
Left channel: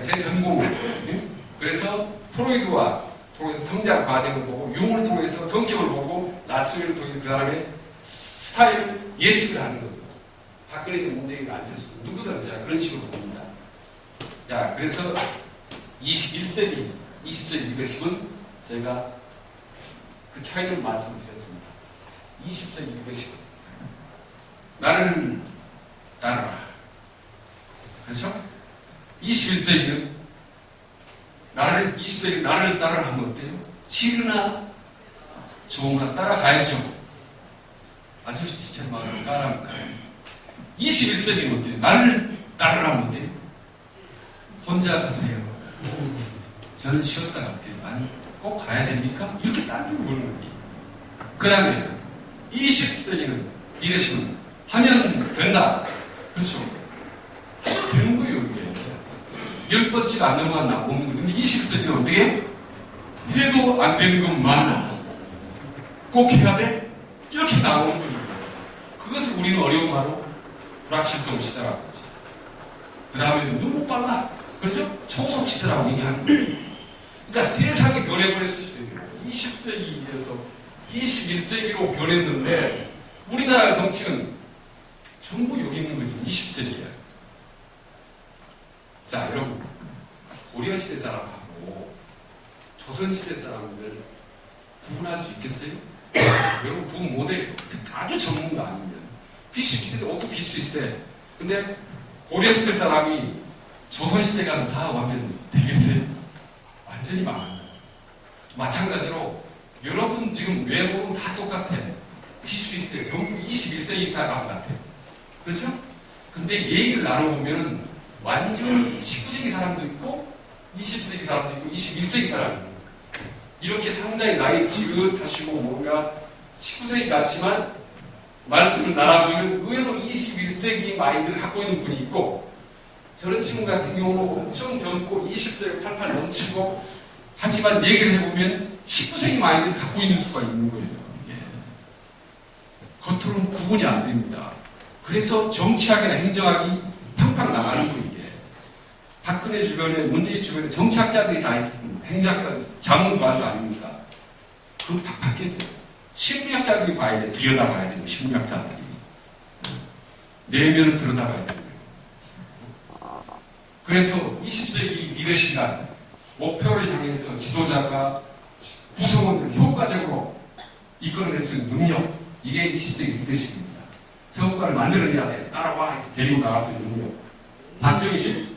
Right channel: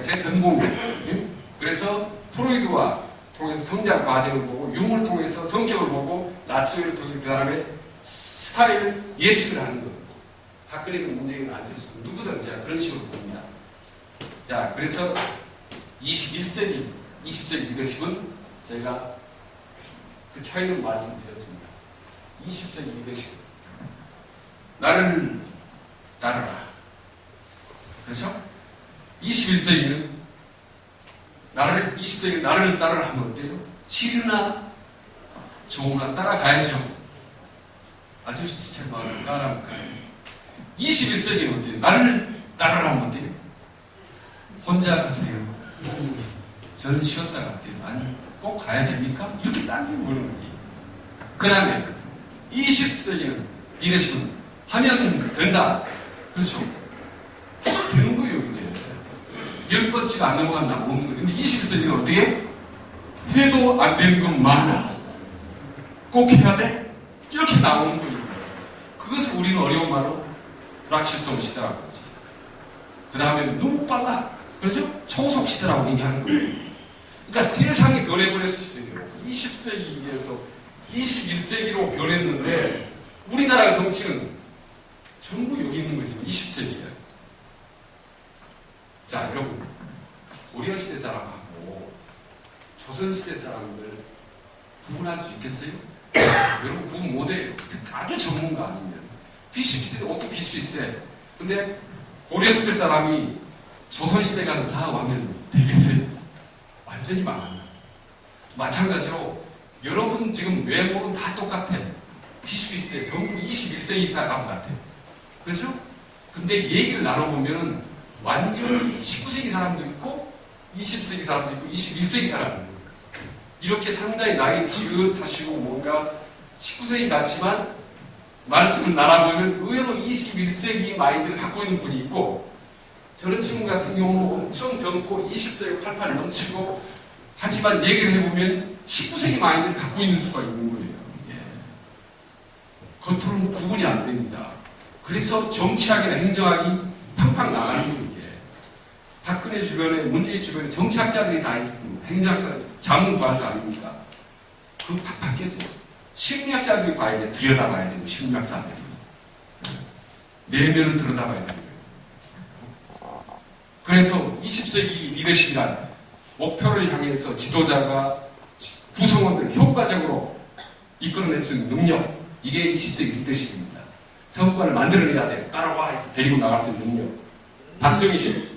제 전공이에요. 그래서 프로이드와 통해서 성장 과정을 보고 융을 통해서 성격을 보고 라스웰을 통해서 그 사람의 스타일을 예측을 하는 거예요. 박근혜도 문재인은 안철수 누구든 제가 그런 식으로 봅니다. 자, 그래서 21세기, 20세기 리더십은 제가 그 차이를 말씀드렸습니다. 20세기 리더십 나를 따라라. 그렇죠? 21세기는 20세기는 나를 따라라 하면 어때요? 싫으나 좋으나 따라가야죠. 아저씨 제 마음을 깔아볼까요? 21세기는 어때요? 나를 따라라 하면 어때요? 혼자 가세요. 저는 쉬었다 갈게요. 아니, 꼭 가야 됩니까? 이렇게 딴 데로 보는 거지. 그 다음에 20세기는 리더십은 하면 된다. 그렇죠. 10번째가 안 넘어간다 없는 거예요. 근데 21세기는 어떻게? 해도 안 되는 건 많아. 꼭 해야 돼? 이렇게 나오는 거예요. 그것을 우리는 어려운 말로 불확실성 시대라고 하지. 그 다음에 너무 빨라. 그렇죠? 초속 시대라고 얘기하는 거예요. 그러니까 세상이 변해버렸어요. 20세기에서 21세기로 변했는데 우리나라 정치는 전부 여기 있는 거죠. 20세기에. 자, 여러분. 고려시대 사람하고 조선시대 사람들 구분할 수 있겠어요? 여러분 구분 못해요. 아주 전문가 아니면. 비슷비슷해. 옷도 비슷비슷해. 근데 고려시대 사람이 조선시대 가는 사업하면 되겠어요? 완전히 망한다. 마찬가지로 여러분 지금 외모는 다 똑같아. 비슷비슷해. 전부 21세기 사람 같아. 그렇죠? 근데 얘기를 나눠보면 완전히 19세기 사람도 있고 20세기 사람도 있고 21세기 사람도 있고 이렇게 상당히 나이 지긋하시고 뭔가 19세기 같지만 말씀을 나눠보면 의외로 21세기 마인드를 갖고 있는 분이 있고 저런 친구 같은 경우는 엄청 젊고 20대에 팔팔 넘치고 하지만 얘기를 해보면 19세기 마인드를 갖고 있는 수가 있는 거예요. 예. 겉으로는 구분이 안 됩니다. 그래서 정치학이나 행정학이 팡팡 나가는 거예요. 이게. 박근혜 주변에 문재인 주변에 정치학자들이 다 있고 행정학자들 자문관도 아닙니까? 그거 팍팍 깨져요. 심리학자들이 봐야 돼. 들여다봐야 돼요. 심리학자들이. 내면을 들여다봐야 돼요. 그래서 20세기 리더십이란 목표를 향해서 지도자가 구성원들을 효과적으로 이끌어낼 수 있는 능력. 이게 20세기 리더십입니다. 성과를 만들어내야 돼. 따라와 해서 데리고 나갈 수 있는 능력. 박정희식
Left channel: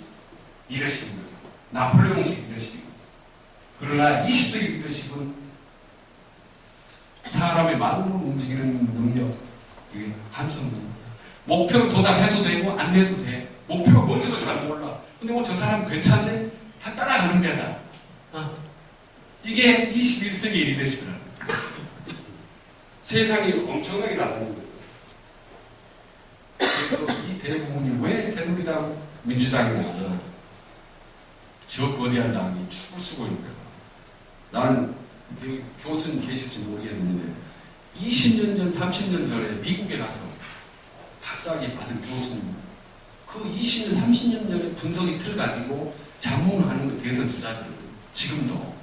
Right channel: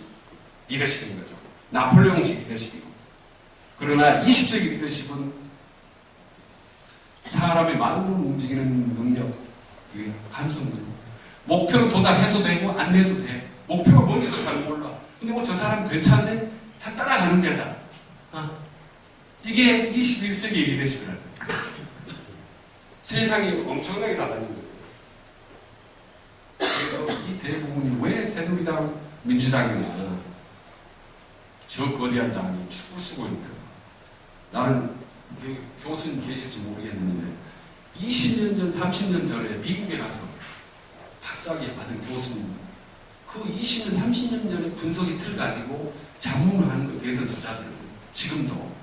리더십인 거죠. 나폴레옹식 리더십이고. 그러나 20세기 리더십은 사람의 마음을 움직이는 능력. 이게 함성 능력. 목표로 도달해도 되고 안 해도 돼. 목표가 뭔지도 잘 몰라. 근데 뭐 저 사람 괜찮네? 다 따라가는 데다. 이게 21세기 리더십이라는 거예요. 세상이 엄청나게 달라진 거예요. 그래서 이 대부분이 왜 새누리당, 민주당이나 저 거대한 당이 축을 쓰고 있는 거야. 나는 교수님 계실지 모르겠는데 20년 전, 30년 전에 미국에 가서 박사학위 받은 교수님 그 20년, 30년 전에 분석의 틀 가지고 자문을 하는 거 대선 주자들은 지금도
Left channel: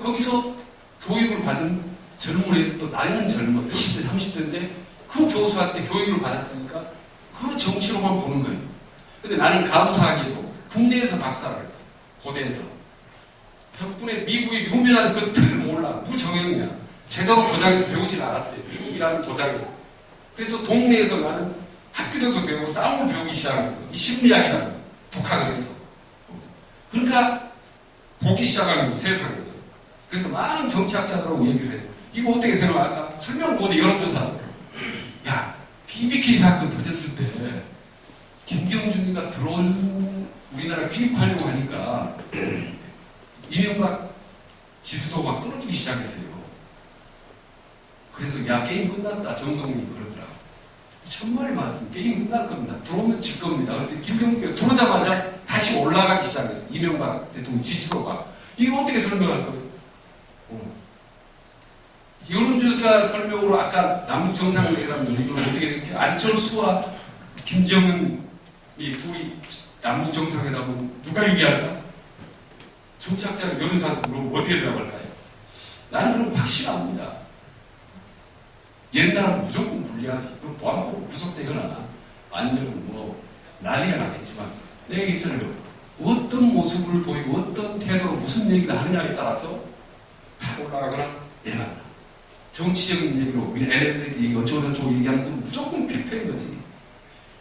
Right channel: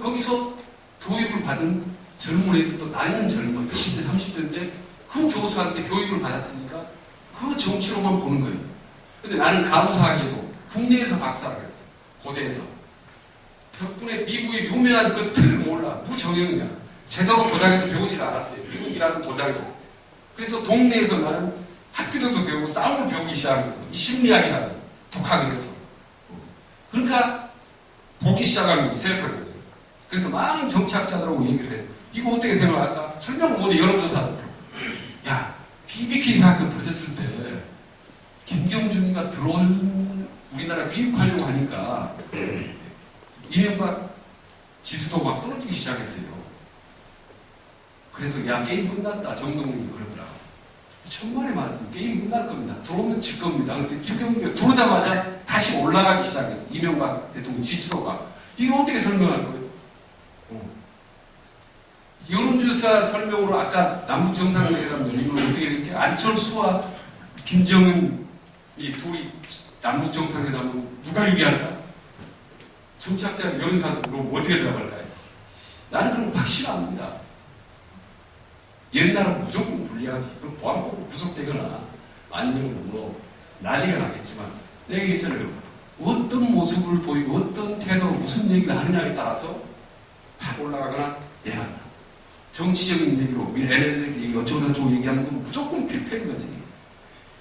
거기서 교육을 받은 젊은 애들도 나이는 젊어 20대, 30대인데 그 교수한테 교육을 받았으니까 그 정치로만 보는 거예요. 근데 나는 가부사학위에도 국내에서 박사를 했어. 고대에서. 덕분에 미국의 유명한 그 틀을 몰라. 무정형이야. 제대로 도장에서 배우질 않았어요. 미국이라는 도장이. 그래서 동네에서 나는 학교도 배우고 싸움을 배우기 시작한 거죠. 이 심리학이라는 독학을 해서. 그러니까 보기 시작하는 세상을. 그래서 많은 정치학자들하고 얘기를 해요. 이거 어떻게 생각할까? 설명을 못해 여론조사도. 야, BBK 사건 터졌을 때 김경준이가 들어온 우리나라 귀국하려고 하니까 이명박 지지도가 막 떨어지기 시작했어요. 그래서 야 게임 끝났다. 정동민이 그러더라고. 천만의 말씀. 게임 끝날 겁니다. 들어오면 질 겁니다. 그런데 김경준이가 들어오자마자 다시 올라가기 시작했어요. 이명박 대통령 지지도가. 이거 어떻게 설명할 거예요? 여론조사 설명으로 아까 남북정상회담 열리고 어떻게 이렇게 안철수와 김정은이 둘이 남북정상회담은 누가 얘기할까? 정치학자 여론조사한테 물어보면 어떻게 대답할까요? 나는 그럼 확실합니다. 옛날은 무조건 불리하지. 그럼 보안법으로 구속되거나 아니면 뭐 난리가 나겠지만 내가 얘기했잖아요. 어떤 모습을 보이고 어떤 태도로 무슨 얘기를 하느냐에 따라서 탁 올라가거나 내려간다. 정치적인 얘기로 NLL 얘기 어쩌고저쩌고 얘기하는 건 무조건 필패인 거지.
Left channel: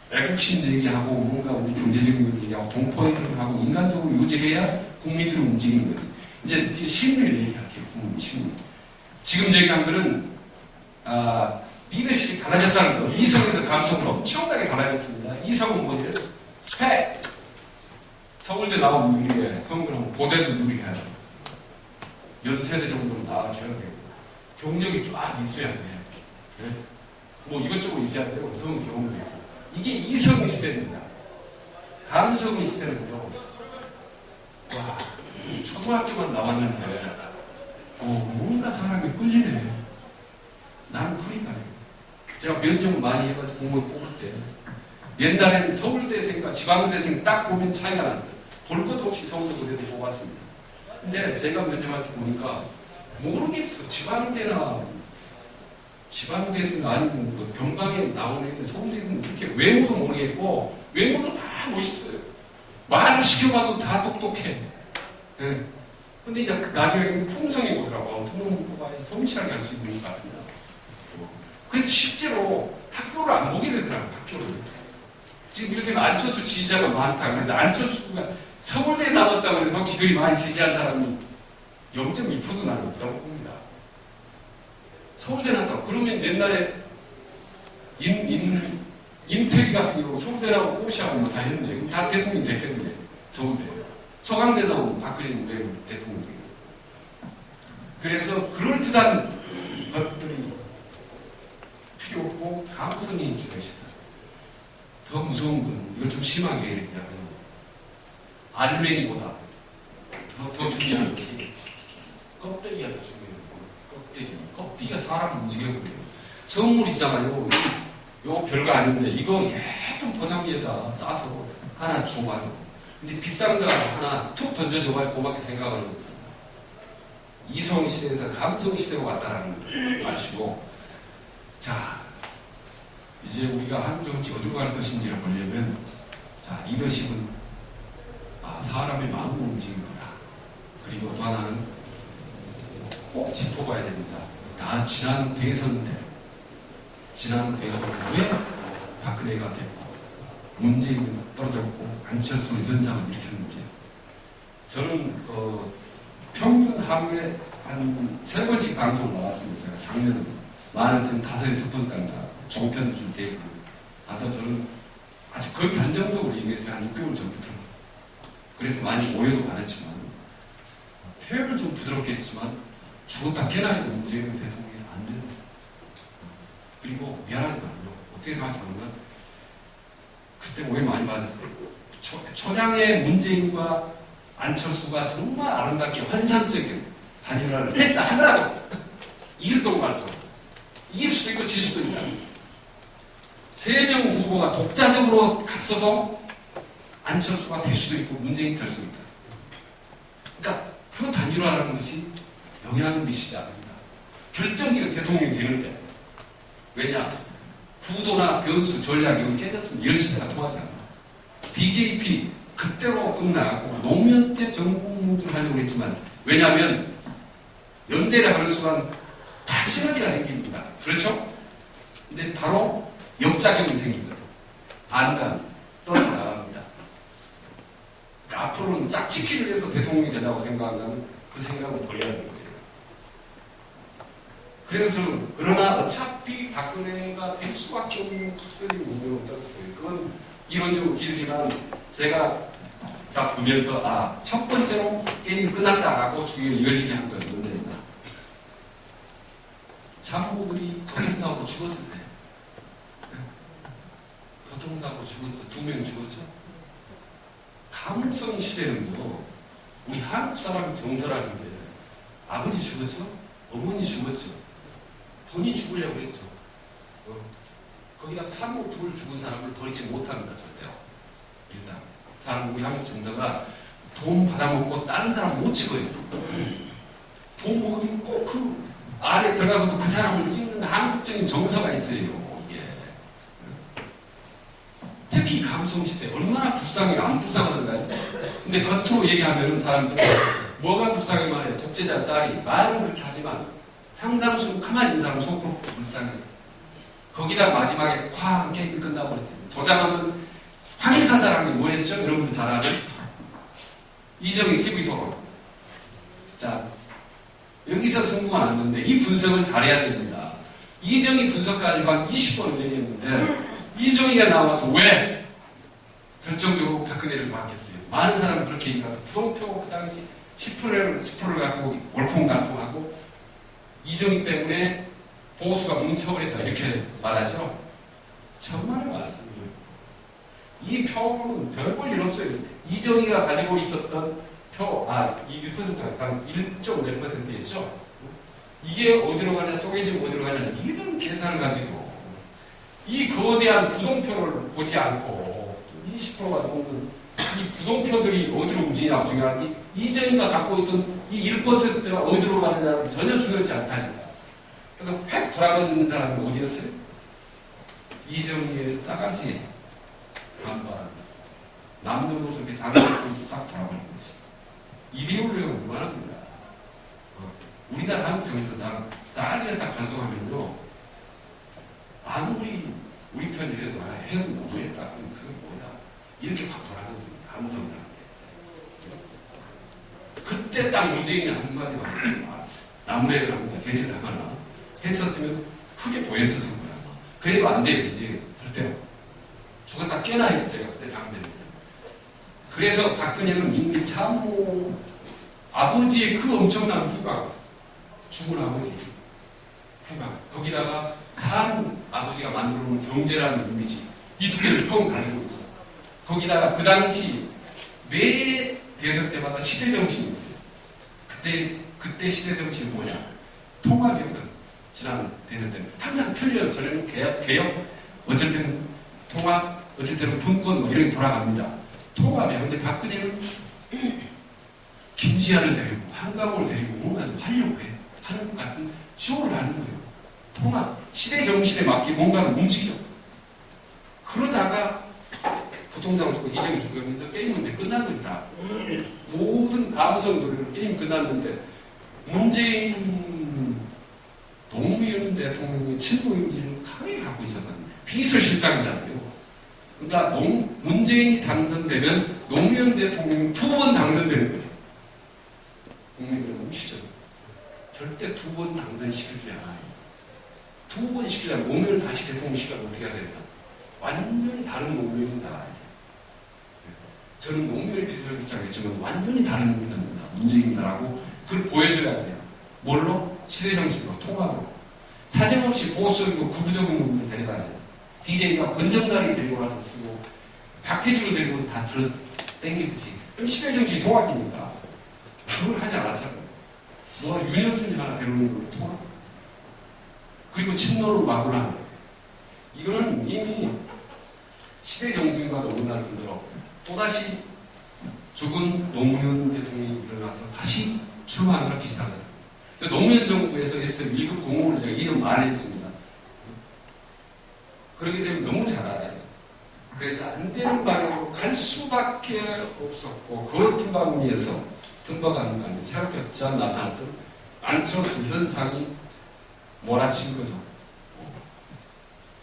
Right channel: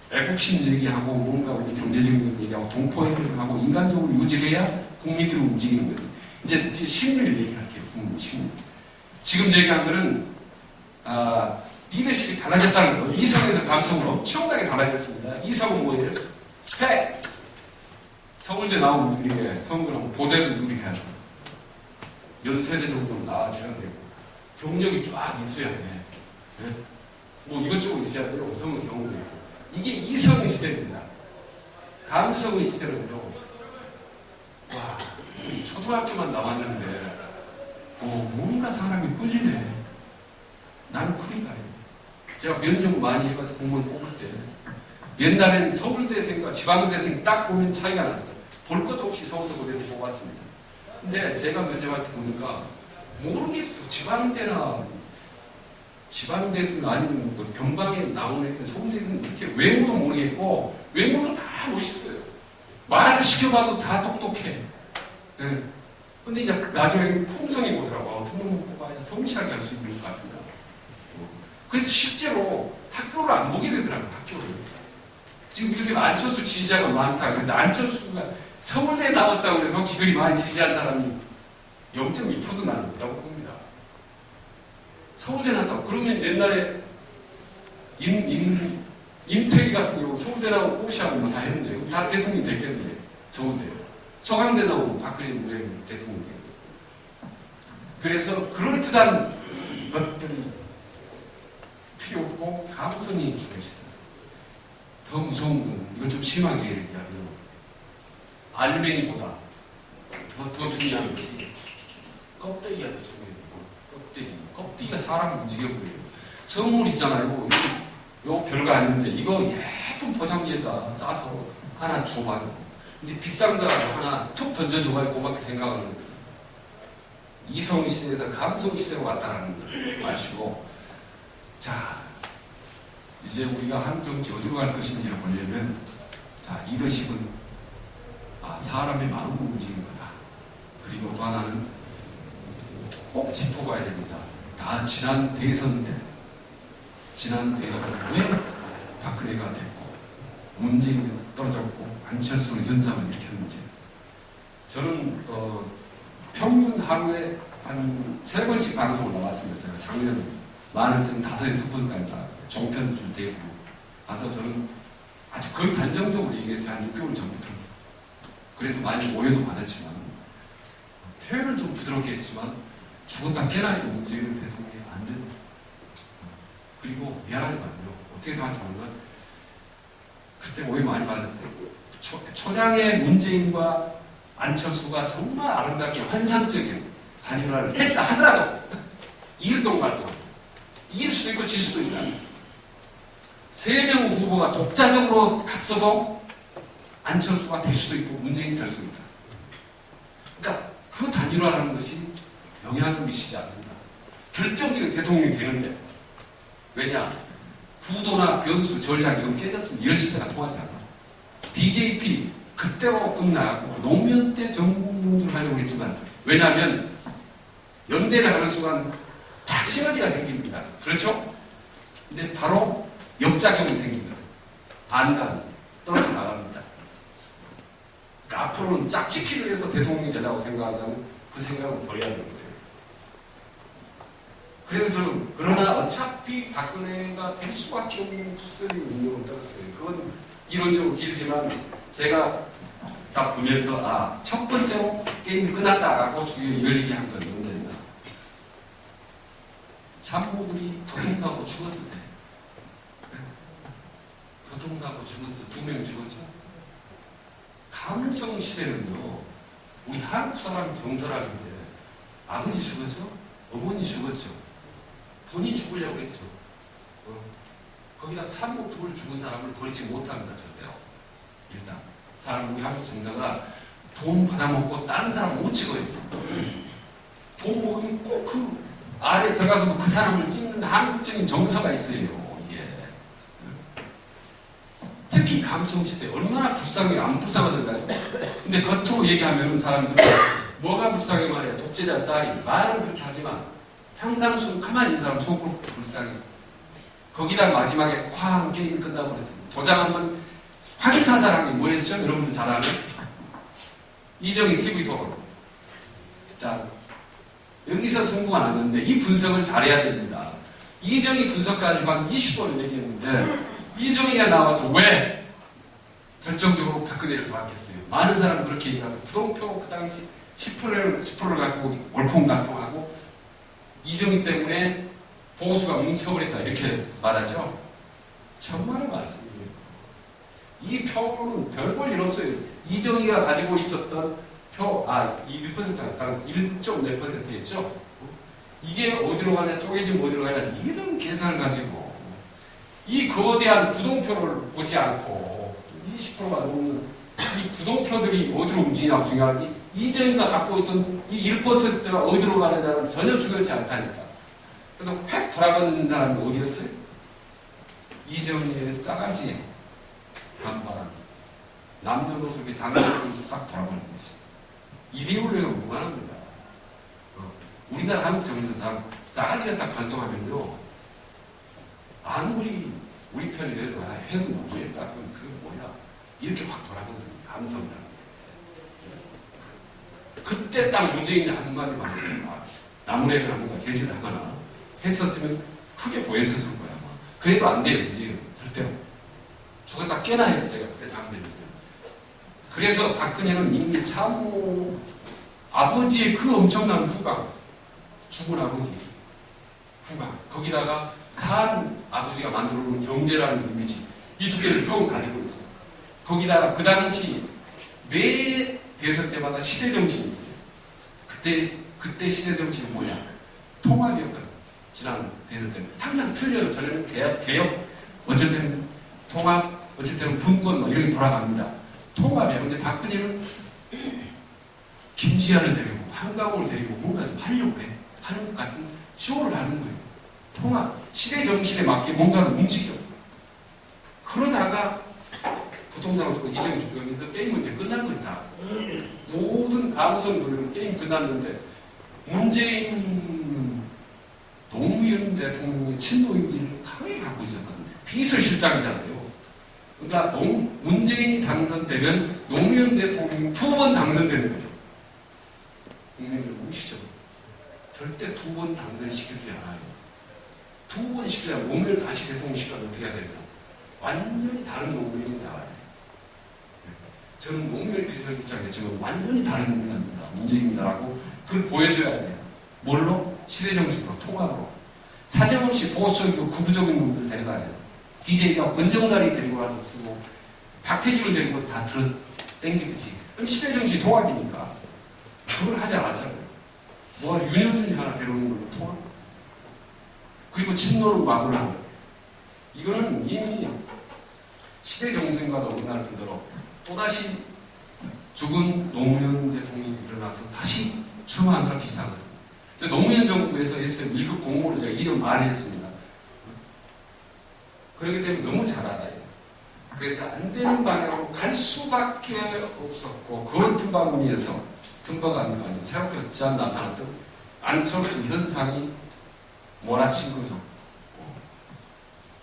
애국심 얘기하고 뭔가 우리 경제적인 얘기하고 동포 얘기하고 인간적으로 유지해야 국민들이 움직이는 거지. 이제 심리를 얘기할게요. 국민 심리. 지금 얘기한 거는 리더십이 달라졌다는 거. 이성에서 감성으로 엄청나게 달라졌습니다. 이성은 뭐예요? 스펙. 서울대 나오면 유리해. 서울대는 고대도 유리해야 돼. 연세대 정도로 나와줘야 되고 경력이 쫙 있어야 돼. 네? 뭐 이것저것 있어야 돼요. 성은 경험도 있고. 이게 이성 시대입니다. 감성의 시대는요, 와, 초등학교만 나왔는데, 뭔가 사람이 끌리네. 나는 그리 가요. 제가 면접 많이 해가지고 공무원 뽑을 때, 옛날에는 서울대생과 지방대생 딱 보면 차이가 났어요. 볼 것도 없이 서울대 고대도 뽑았습니다. 근데 제가 면접할 때 보니까, 모르겠어. 지방대든 아니면 뭐 변방에 나오는 애들, 서울대든 이렇게 외모도 모르겠고, 외모도 다 멋있어요. 말을 시켜봐도 다 똑똑해. 네. 근데 이제 나중에 품성이 오더라고. 등록문 뽑아야 성실하게 할 수 있는 것 같은데. 그래서 실제로 학교를 안 보게 되더라고요. 학교를. 지금 이렇게 안철수 지지자가 많다. 그래서 안철수가 서울대에 나왔다고 해서 기근이 많이 지지한 사람이 0.2%도 나는 없다고 봅니다. 서울대 나왔다고. 그러면 옛날에 임태희 같은 경우 서울대 나오고 꼬시하고 뭐 다 했네. 그럼 다 대통령 됐겠네. 서울대. 서강대 나오고 박근혜는 왜 대통령 됐겠네. 그래서 그럴듯한 것들이 필요 없고 감성이 중요시다. 더 무서운 건 이걸 좀 심하게 얘기하면 알맹이보다 더 중요한 것이 껍데기가 더 중요해요. 껍데기가 사람을 움직여버려요. 선물 있잖아요. 이거 별거 아닌데 이거 예쁜 포장지에다 싸서 하나 줘봐요. 근데 비싼 거 하나 툭 던져줘봐요. 고맙게 생각하는 거지. 이성 시대에서 감성 시대로 왔다라는 걸 아시고, 자, 이제 우리가 한국 정치 어디로 갈 것인지를 보려면, 자, 리더십은 사람의 마음을 움직이는 거다. 그리고 또 하나는 꼭 짚어봐야 됩니다. 다 지난 대선 때, 왜 박근혜가 됐고, 문재인은 떨어졌고, 안철수는 현상을 일으켰는지. 저는 평균 하루에 한 3번씩 방송을 나왔습니다. 제가 작년 많을 때는 5-6번까지 나왔고, 종편들 대부분. 가서 저는 아주 거의 단정적으로 얘기해서 한 6개월 전부터. 그래서 많이 오해도 받았지만, 표현을 좀 부드럽게 했지만, 죽었다 깨나니까 문재인은 대통령이 안 된다. 그리고 미안하지만요. 어떻게 생각하시는 건, 그때 오해 많이 받았어요. 초장의 문재인과 안철수가 정말 아름답게 환상적인 단일화를 했다 하더라도 이길 동말도 이길 수도 있고 질 수도 있다. 3명 후보가 독자적으로 갔어도 안철수가 될 수도 있고 문재인이 될 수도 있다. 그러니까 그 단일화라는 것이 영향을 미치지 않는다. 결정적인 대통령이 되는데, 왜냐? 구도나 변수, 전략이 이건 깨졌으면 이런 시대가 통하지 않아. BJP 그때로 끝나고 노무현 때 정부를 하려고 했지만, 왜냐하면 연대를 하는 순간 다 시너지가 생깁니다. 그렇죠? 근데 바로 역작용이 생기거든. 반감 떨어져 나갑니다. 그러니까 앞으로는 짝짓기를 해서 대통령이 되라고 생각한다면 그 생각은 버려야 되는 거예요. 그래서 저는 그러나 어차피 박근혜가 될 수밖에 없을 운명을 떴어요. 그건 이론적으로 길지만 제가 딱 보면서 첫 번째로 게임이 끝났다라고 주위에 열리게 한 건 언제나 참모들이 교통사고로 죽었을 때, 교통사고로 죽었어. 2명 죽었죠. 감성 시대는요, 우리 한국 사람이 정설하는데 아버지 죽었죠, 어머니 죽었죠. 본인이 죽으려고 했죠. 거기다 참모 2을 죽은 사람을 버리지 못합니다. 절대로. 일단 사람 우리 한국 정서가 돈 받아먹고 다른 사람 못 찍어요. 돈 먹으면 꼭 그 아래 들어가서도 그 사람을 찍는 한국적인 정서가 있어요. 이게. 특히 감성시대 얼마나 불쌍해. 안 불쌍하던가요? 근데 겉으로 얘기하면 사람들은 뭐가 불쌍해 말해. 독재자 딸이 말은 그렇게 하지만 상당수 가만히 있는 사람 속으로 불쌍해. 거기다 마지막에 쾅 게임이 끝나고 그랬어요. 도장 한번 확인사살한 게 뭐였죠? 여러분들 잘 아는 이정희 TV 토론. 자, 여기서 승부가 났는데 이 분석을 잘해야 됩니다. 이정희 분석가지고 한 20번을 얘기했는데 이정희가 나와서 왜 결정적으로 박근혜를 도왔겠어요? 많은 사람은 그렇게 얘기하고 부동표 그 당시 10%를 갖고 올콩달콩하고 이정희 때문에 보수가 뭉쳐버렸다 이렇게 말하죠. 정말 많습니다. 이 표는 별 볼 일 없어요. 이정희가 가지고 있었던 표, 이 1%가 1점 몇 %였죠? 이게 어디로 가냐, 쪼개지면 어디로 가냐, 이런 계산을 가지고 이 거대한 부동표를 보지 않고 20%가 넘는 이 부동표들이 어디로 움직이냐가 중요한 게 이정희가 갖고 있던 이 1%가 어디로 가느냐는 전혀 중요하지 않다니까. 그래서 획 돌아가는 사람이 어디였어요? 이정희의 싸가지에 반발한 남녀노소 장애를 싹 돌아버린 거지. 이데올로기가 무관합니다. 우리나라 한국 정치사상 싸가지가 딱 발동하면요, 아무리 우리 편이 해도 해도 모르겠다. 그 뭐야 이렇게 확 돌아가거든요. 감성이라는 게. 그때 딱 문재인이 한마디만 했어요. 나무래를 한번 제재를 하거나 했었으면 크게 보였었을 거야. 그래도 안 돼요. 이제 절대로 죽었다 깨나요. 제가 그때 장대를 때. 그래서 박근혜는 이미 참 아버지의 그 엄청난 후광, 죽은 아버지 후광, 거기다가 산 아버지가 만들어 놓은 경제라는 이미지, 이 두 개를 총 가지고 있어요. 거기다가 그 당시 매 대선 때마다 시대 정신이 있어요. 그때 시대 정신은 뭐냐? 통합이었거든. 지난 대선 때는 항상 틀려요. 저는 개혁, 어쨌든 통합, 어쨌든 분권 뭐 이렇게 돌아갑니다. 통합이야. 근데 박근혜는 김지아를 데리고 한강호를 데리고 뭔가 좀 하려고 해. 하는 것 같은 쇼를 하는 거예요. 통합, 시대 정신에 맞게 뭔가를 움직여. 그러다가 부동산을 주고 이정 주고 하면서 게임은 이제 끝난 거지 다. 모든 아무성 노래는 게임 끝났는데 문재인은 노무현 대통령의 친노 이미지를 강하게 갖고 있었거든요. 비서실장이잖아요. 그러니까 문재인이 당선되면 노무현 대통령이 2번 당선되는 거죠. 국민들은 무시죠. 절대 2번 당선시켜주지 않아요. 2번 시키려면 노무현을 다시 대통령 시키려면 어떻게 해야 되냐. 완전히 다른 노무현이 나와야 돼요. 저는 노무현이 비서실장이었지만 완전히 다른 인간입니다. 문재인이다라고 그걸 보여줘야 돼요. 뭘로? 시대정신으로, 통합으로. 사정없이 보수적이고 극우적인 놈들을 데려다야 돼요. DJ가 권정달이 데리고 가서 쓰고 박태주를 데리고 다 들어 땡기듯이. 그럼 시대정신이 통합이니까 그걸 하지 않았잖아요. 뭐 윤여준이 하나 데려오는 걸로 통합. 그리고 친노를 막으로 하는 거예요. 이거는 이미 시대정신과 어긋날 뿐더러 또다시 죽은 노무현 대통령이 일어나서 다시 출마하느라 비슷하거든요. 노무현 정부에서 했을 1급 공무원을 제가 이름 많이 했습니다. 그렇기 때문에 너무 잘 알아요. 그래서 안 되는 방향으로 갈 수밖에 없었고, 그 틈바구니에서 틈바가 아니고 새롭게 짠 나타났던 안철수 현상이 몰아친 거죠.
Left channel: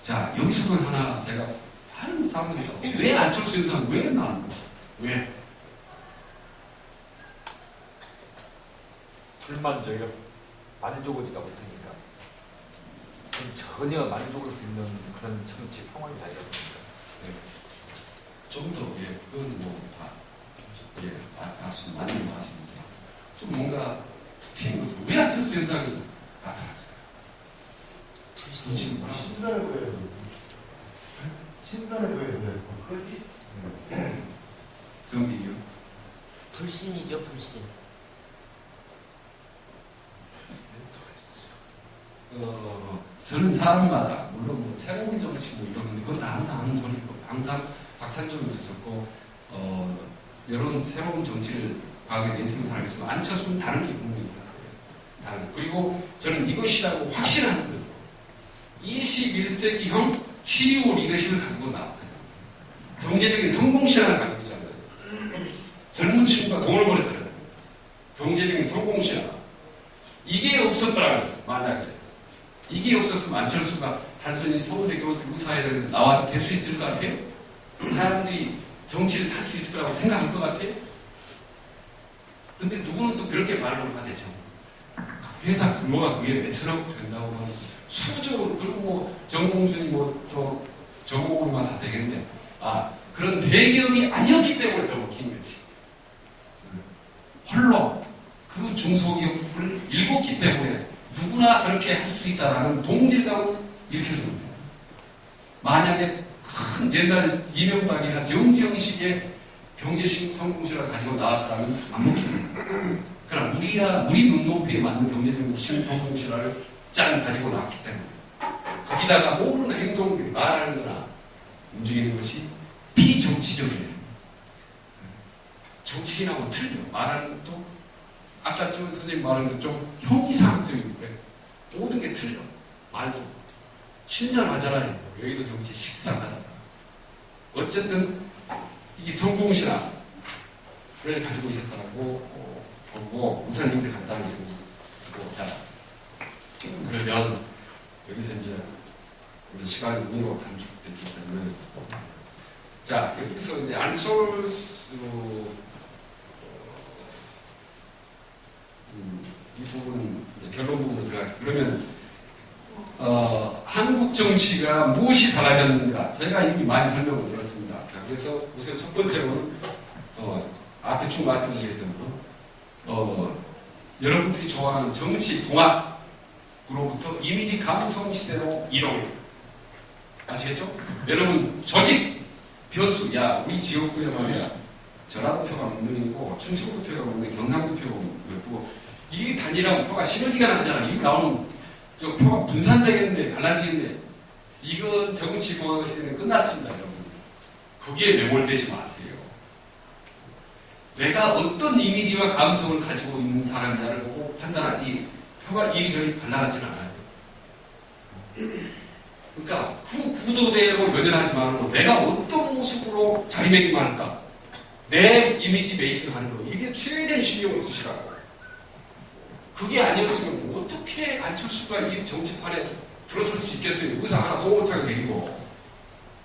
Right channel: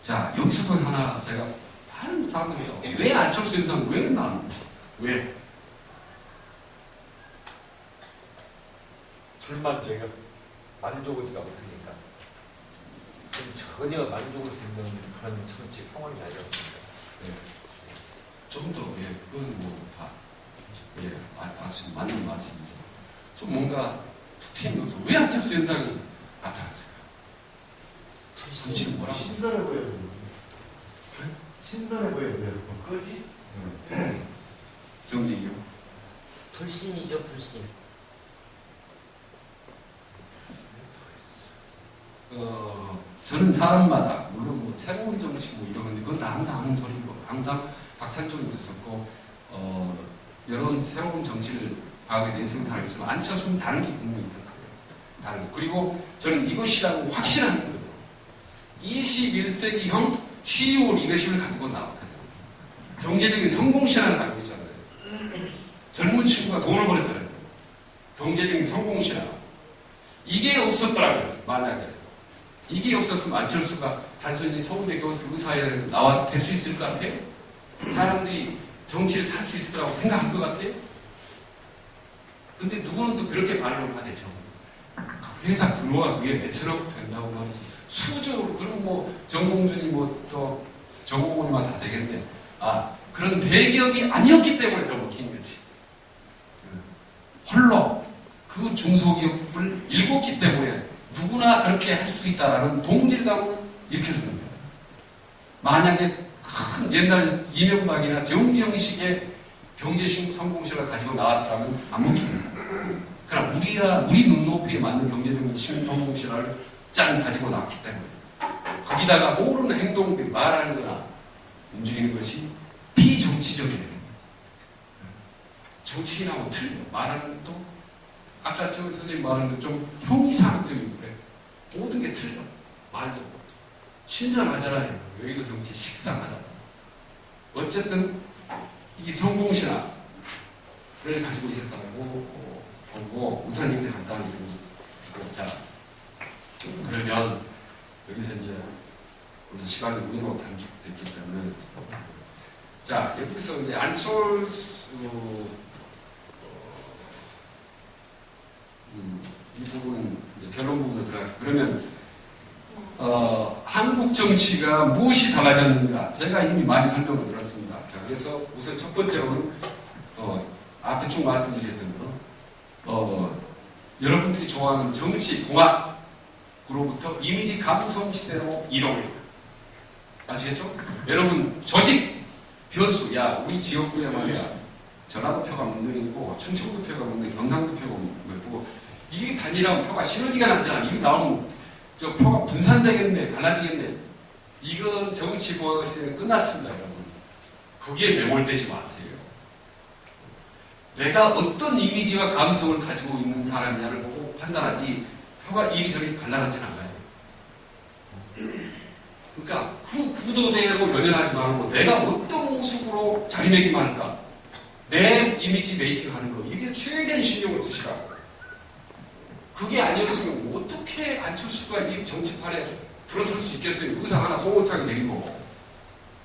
자, 여기서도 하나 제가 다른 사람들이 왜 안철수 현상 왜 나왔는지, 왜? 불만족이요. 만족의지가 못하니까. 전혀 만족을 수 있는 그런 정치 상황이 아니었습니다. 예. 좀 더, 예, 그건 뭐, 다, 예, 아주 맞는 말씀이죠. 좀 뭔가 툭 튀는 것은 왜 안철수 현상이 나타났을까요? 굳이 뭐라고? 신선해 보여서. 신선해 보여서 그거지? 정직이요? 불신이죠, 불신. 저는 사람마다, 물론 뭐 새로운 정치 뭐 이런 건데, 그건 다 항상 하는 소리고, 항상 박찬종도 있었고, 여러 새로운 정치를 과거에 내 인생을 살겠지만, 안철수는 다른 게 분명히 있었어요. 다른 게. 그리고 저는 이것이라고 확신하는 거죠. 21세기형 CEO 리더십을 가지고 나왔거든요. 경제적인 성공신앙을 가지고 있잖아요. 젊은 친구가 돈을 벌었잖아요. 경제적인 성공신앙. 이게 없었더라면, 만약에. 이게 없었으면 안철수가 단순히 서울대 교수 의사회에서 나와서 될 수 있을 것 같아요? 사람들이 정치를 할 수 있을 거라고 생각할 것 같아요? 근데 누구는 또 그렇게 말을 하대죠. 회사 규모가 그게 몇천억 된다고 말해서 수적으로, 그리고 뭐 정몽준이 뭐 더 정몽원이만 다 되겠네. 그런 대기업이 아니었기 때문에 더 먹힌 거지. 홀로 그 중소기업을 일궜기 때문에 누구나 그렇게 할 수 있다라는 동질감을 일으켜주는 거예요. 만약에 큰 옛날 이명박이나 정지형식의 경제 성공시를 가지고 나왔더라면 안 먹힙니다. 그러나 우리 눈높이에 맞는 경제적 성공시를 짠 가지고 나왔기 때문에 거기다가 모르는 행동들이 말하는 거나 움직이는 것이 비정치적이네요. 정치인하고 틀려. 말하는 것도 아까 저 선생님 말한 것 좀 형이상학적이고 그래. 모든 게 틀려. 말도 신선하잖아요. 여의도 정치 식상하다. 어쨌든 이 성공신화를 가지고 있었다고 보고 우선 이제 간단히 읽고 자 그러면 여기서 이제 우리 시간이 우리로 단축됐기 때문에 자 여기서 이제 안철수 이 부분 이제 결론 부분으로 들어갈게요. 그러면 한국 정치가 무엇이 달라졌는가? 제가 이미 많이 설명을 들었습니다. 자, 그래서 우선 첫 번째로는 앞에 쭉 말씀드렸던 거, 여러분들이 좋아하는 정치 공학으로부터 이미지 감성 시대로 이동입니다. 아시겠죠? 여러분 조직 변수, 야 우리 지역구에 말이야 전라도 표가 몇 명이고 충청도 표가 몇 명, 경상도 표가 몇 명이고 이게 단일하면 표가 시너지가 나잖아. 이거 나오면 저 표가 분산되겠네, 달라지겠네. 이건 정치공학 시대는 끝났습니다, 여러분. 거기에 매몰되지 마세요. 내가 어떤 이미지와 감성을 가지고 있는 사람이냐를 보고 판단하지 표가 이리저리 갈라가진 않아요. 그러니까 그 구도대로 연연하지 말고 내가 어떤 모습으로 자리매김 할까? 내 이미지 메이킹 하는 거. 이게 최대한 신경을 쓰시라고. 그게 아니었으면 어떻게 안철수가 이 정치판에 들어설 수 있겠어요? 의사 하나 송원창 데리고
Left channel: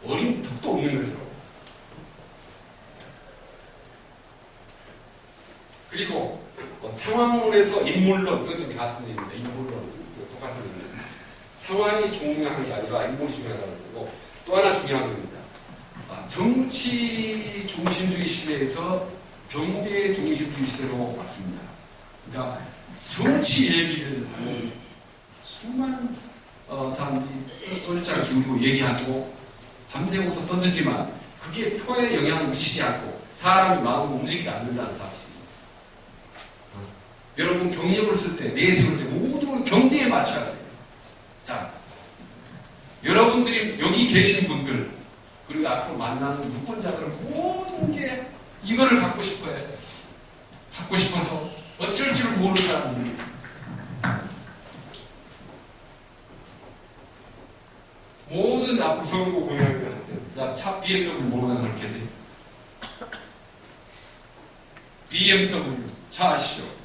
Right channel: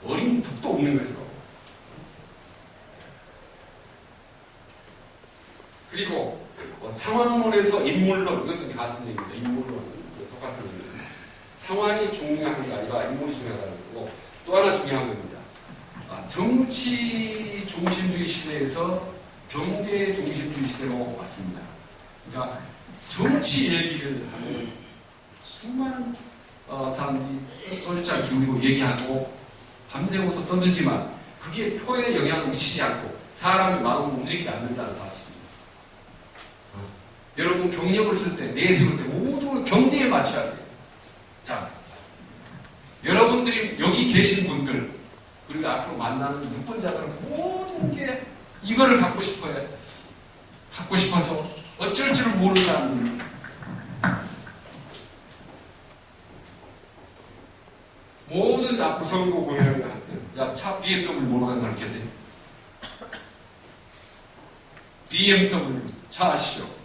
어린 턱도 없는 거죠. 그리고 상황론에서 인물론 이것도 같은 얘기입니다. 인물론 똑같은 얘기입니다. 상황이 중요한 게 아니라 인물이 중요하다는 거고 또 하나 중요한 겁니다. 정치 중심주의 시대에서 경제 중심주의 시대로 왔습니다. 그러니까 정치 얘기를 하면 수많은 사람들이 소주잔 기울이고 얘기하고 밤새고서 떠들지만 그게 표에 영향을 미치지 않고 사람의 마음을 움직이지 않는다는 사실입니다. 여러분 경력을 쓸 때, 내세울 때 모두 경제에 맞춰야 돼요. 자, 여러분들이 여기 계신 분들 그리고 앞으로 만나는 유권자들은 모든 게 이거를 갖고 싶어요. 갖고 싶어서 어쩔 줄 모르는 사람들입니다. 모든 앞으로 선거 공약을 할 때, 야, 차 BMW 몰아가는 사람 이렇게 돼. BMW 차 아시죠?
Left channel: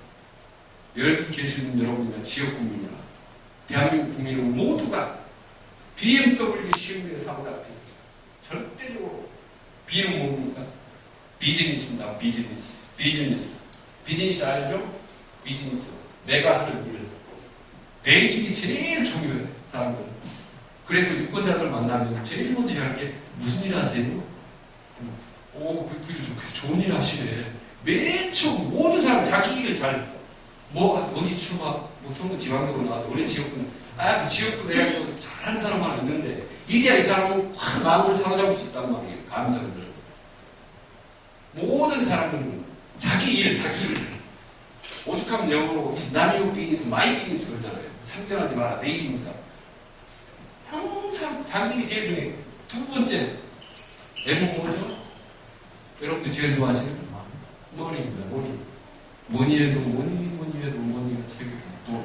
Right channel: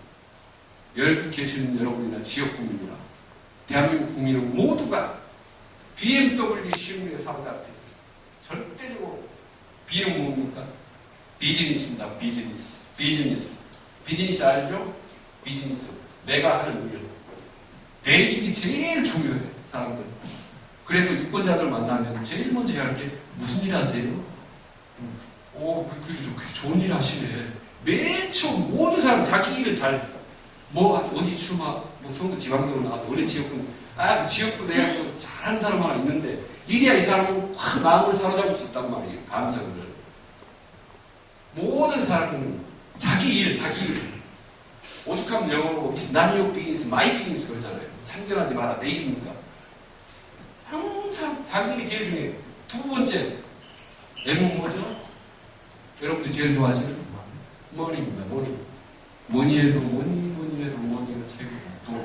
여기 계시는 여러분이나 지역 국민이나 대한민국 국민은 모두가 BMW 시음에 사고자 앞에서 절대적으로 B는 뭡니까? 비즈니스입니다. 비즈니스. 비즈니스 알죠? 비즈니스. 내가 하는 일. 내 일이 제일 중요해, 사람들. 그래서 유권자들 만나면 제일 먼저 할 게 무슨 일 하세요? 좋은 일 하시네. 맨 처음 모든 사람 자기 일을 어디 출마, 선거 지방선거 나와서 어느 지역군, 그 지역군 내가 잘하는 사람 하나 있는데, 이래야 이 사람은 확 마음을 사로잡을 수 있단 말이에요, 감성을. 모든 사람들은 자기 일. 오죽하면 영어로 It's not your business, my business 그러잖아요. 상견하지 마라, 내 일이니까. 항상 자기 일이 제일 중요해요. 두 번째, M은 뭐죠? 여러분들 제일 좋아하시는? 머니입니다, 머니. 머니에도 머니가 최고고.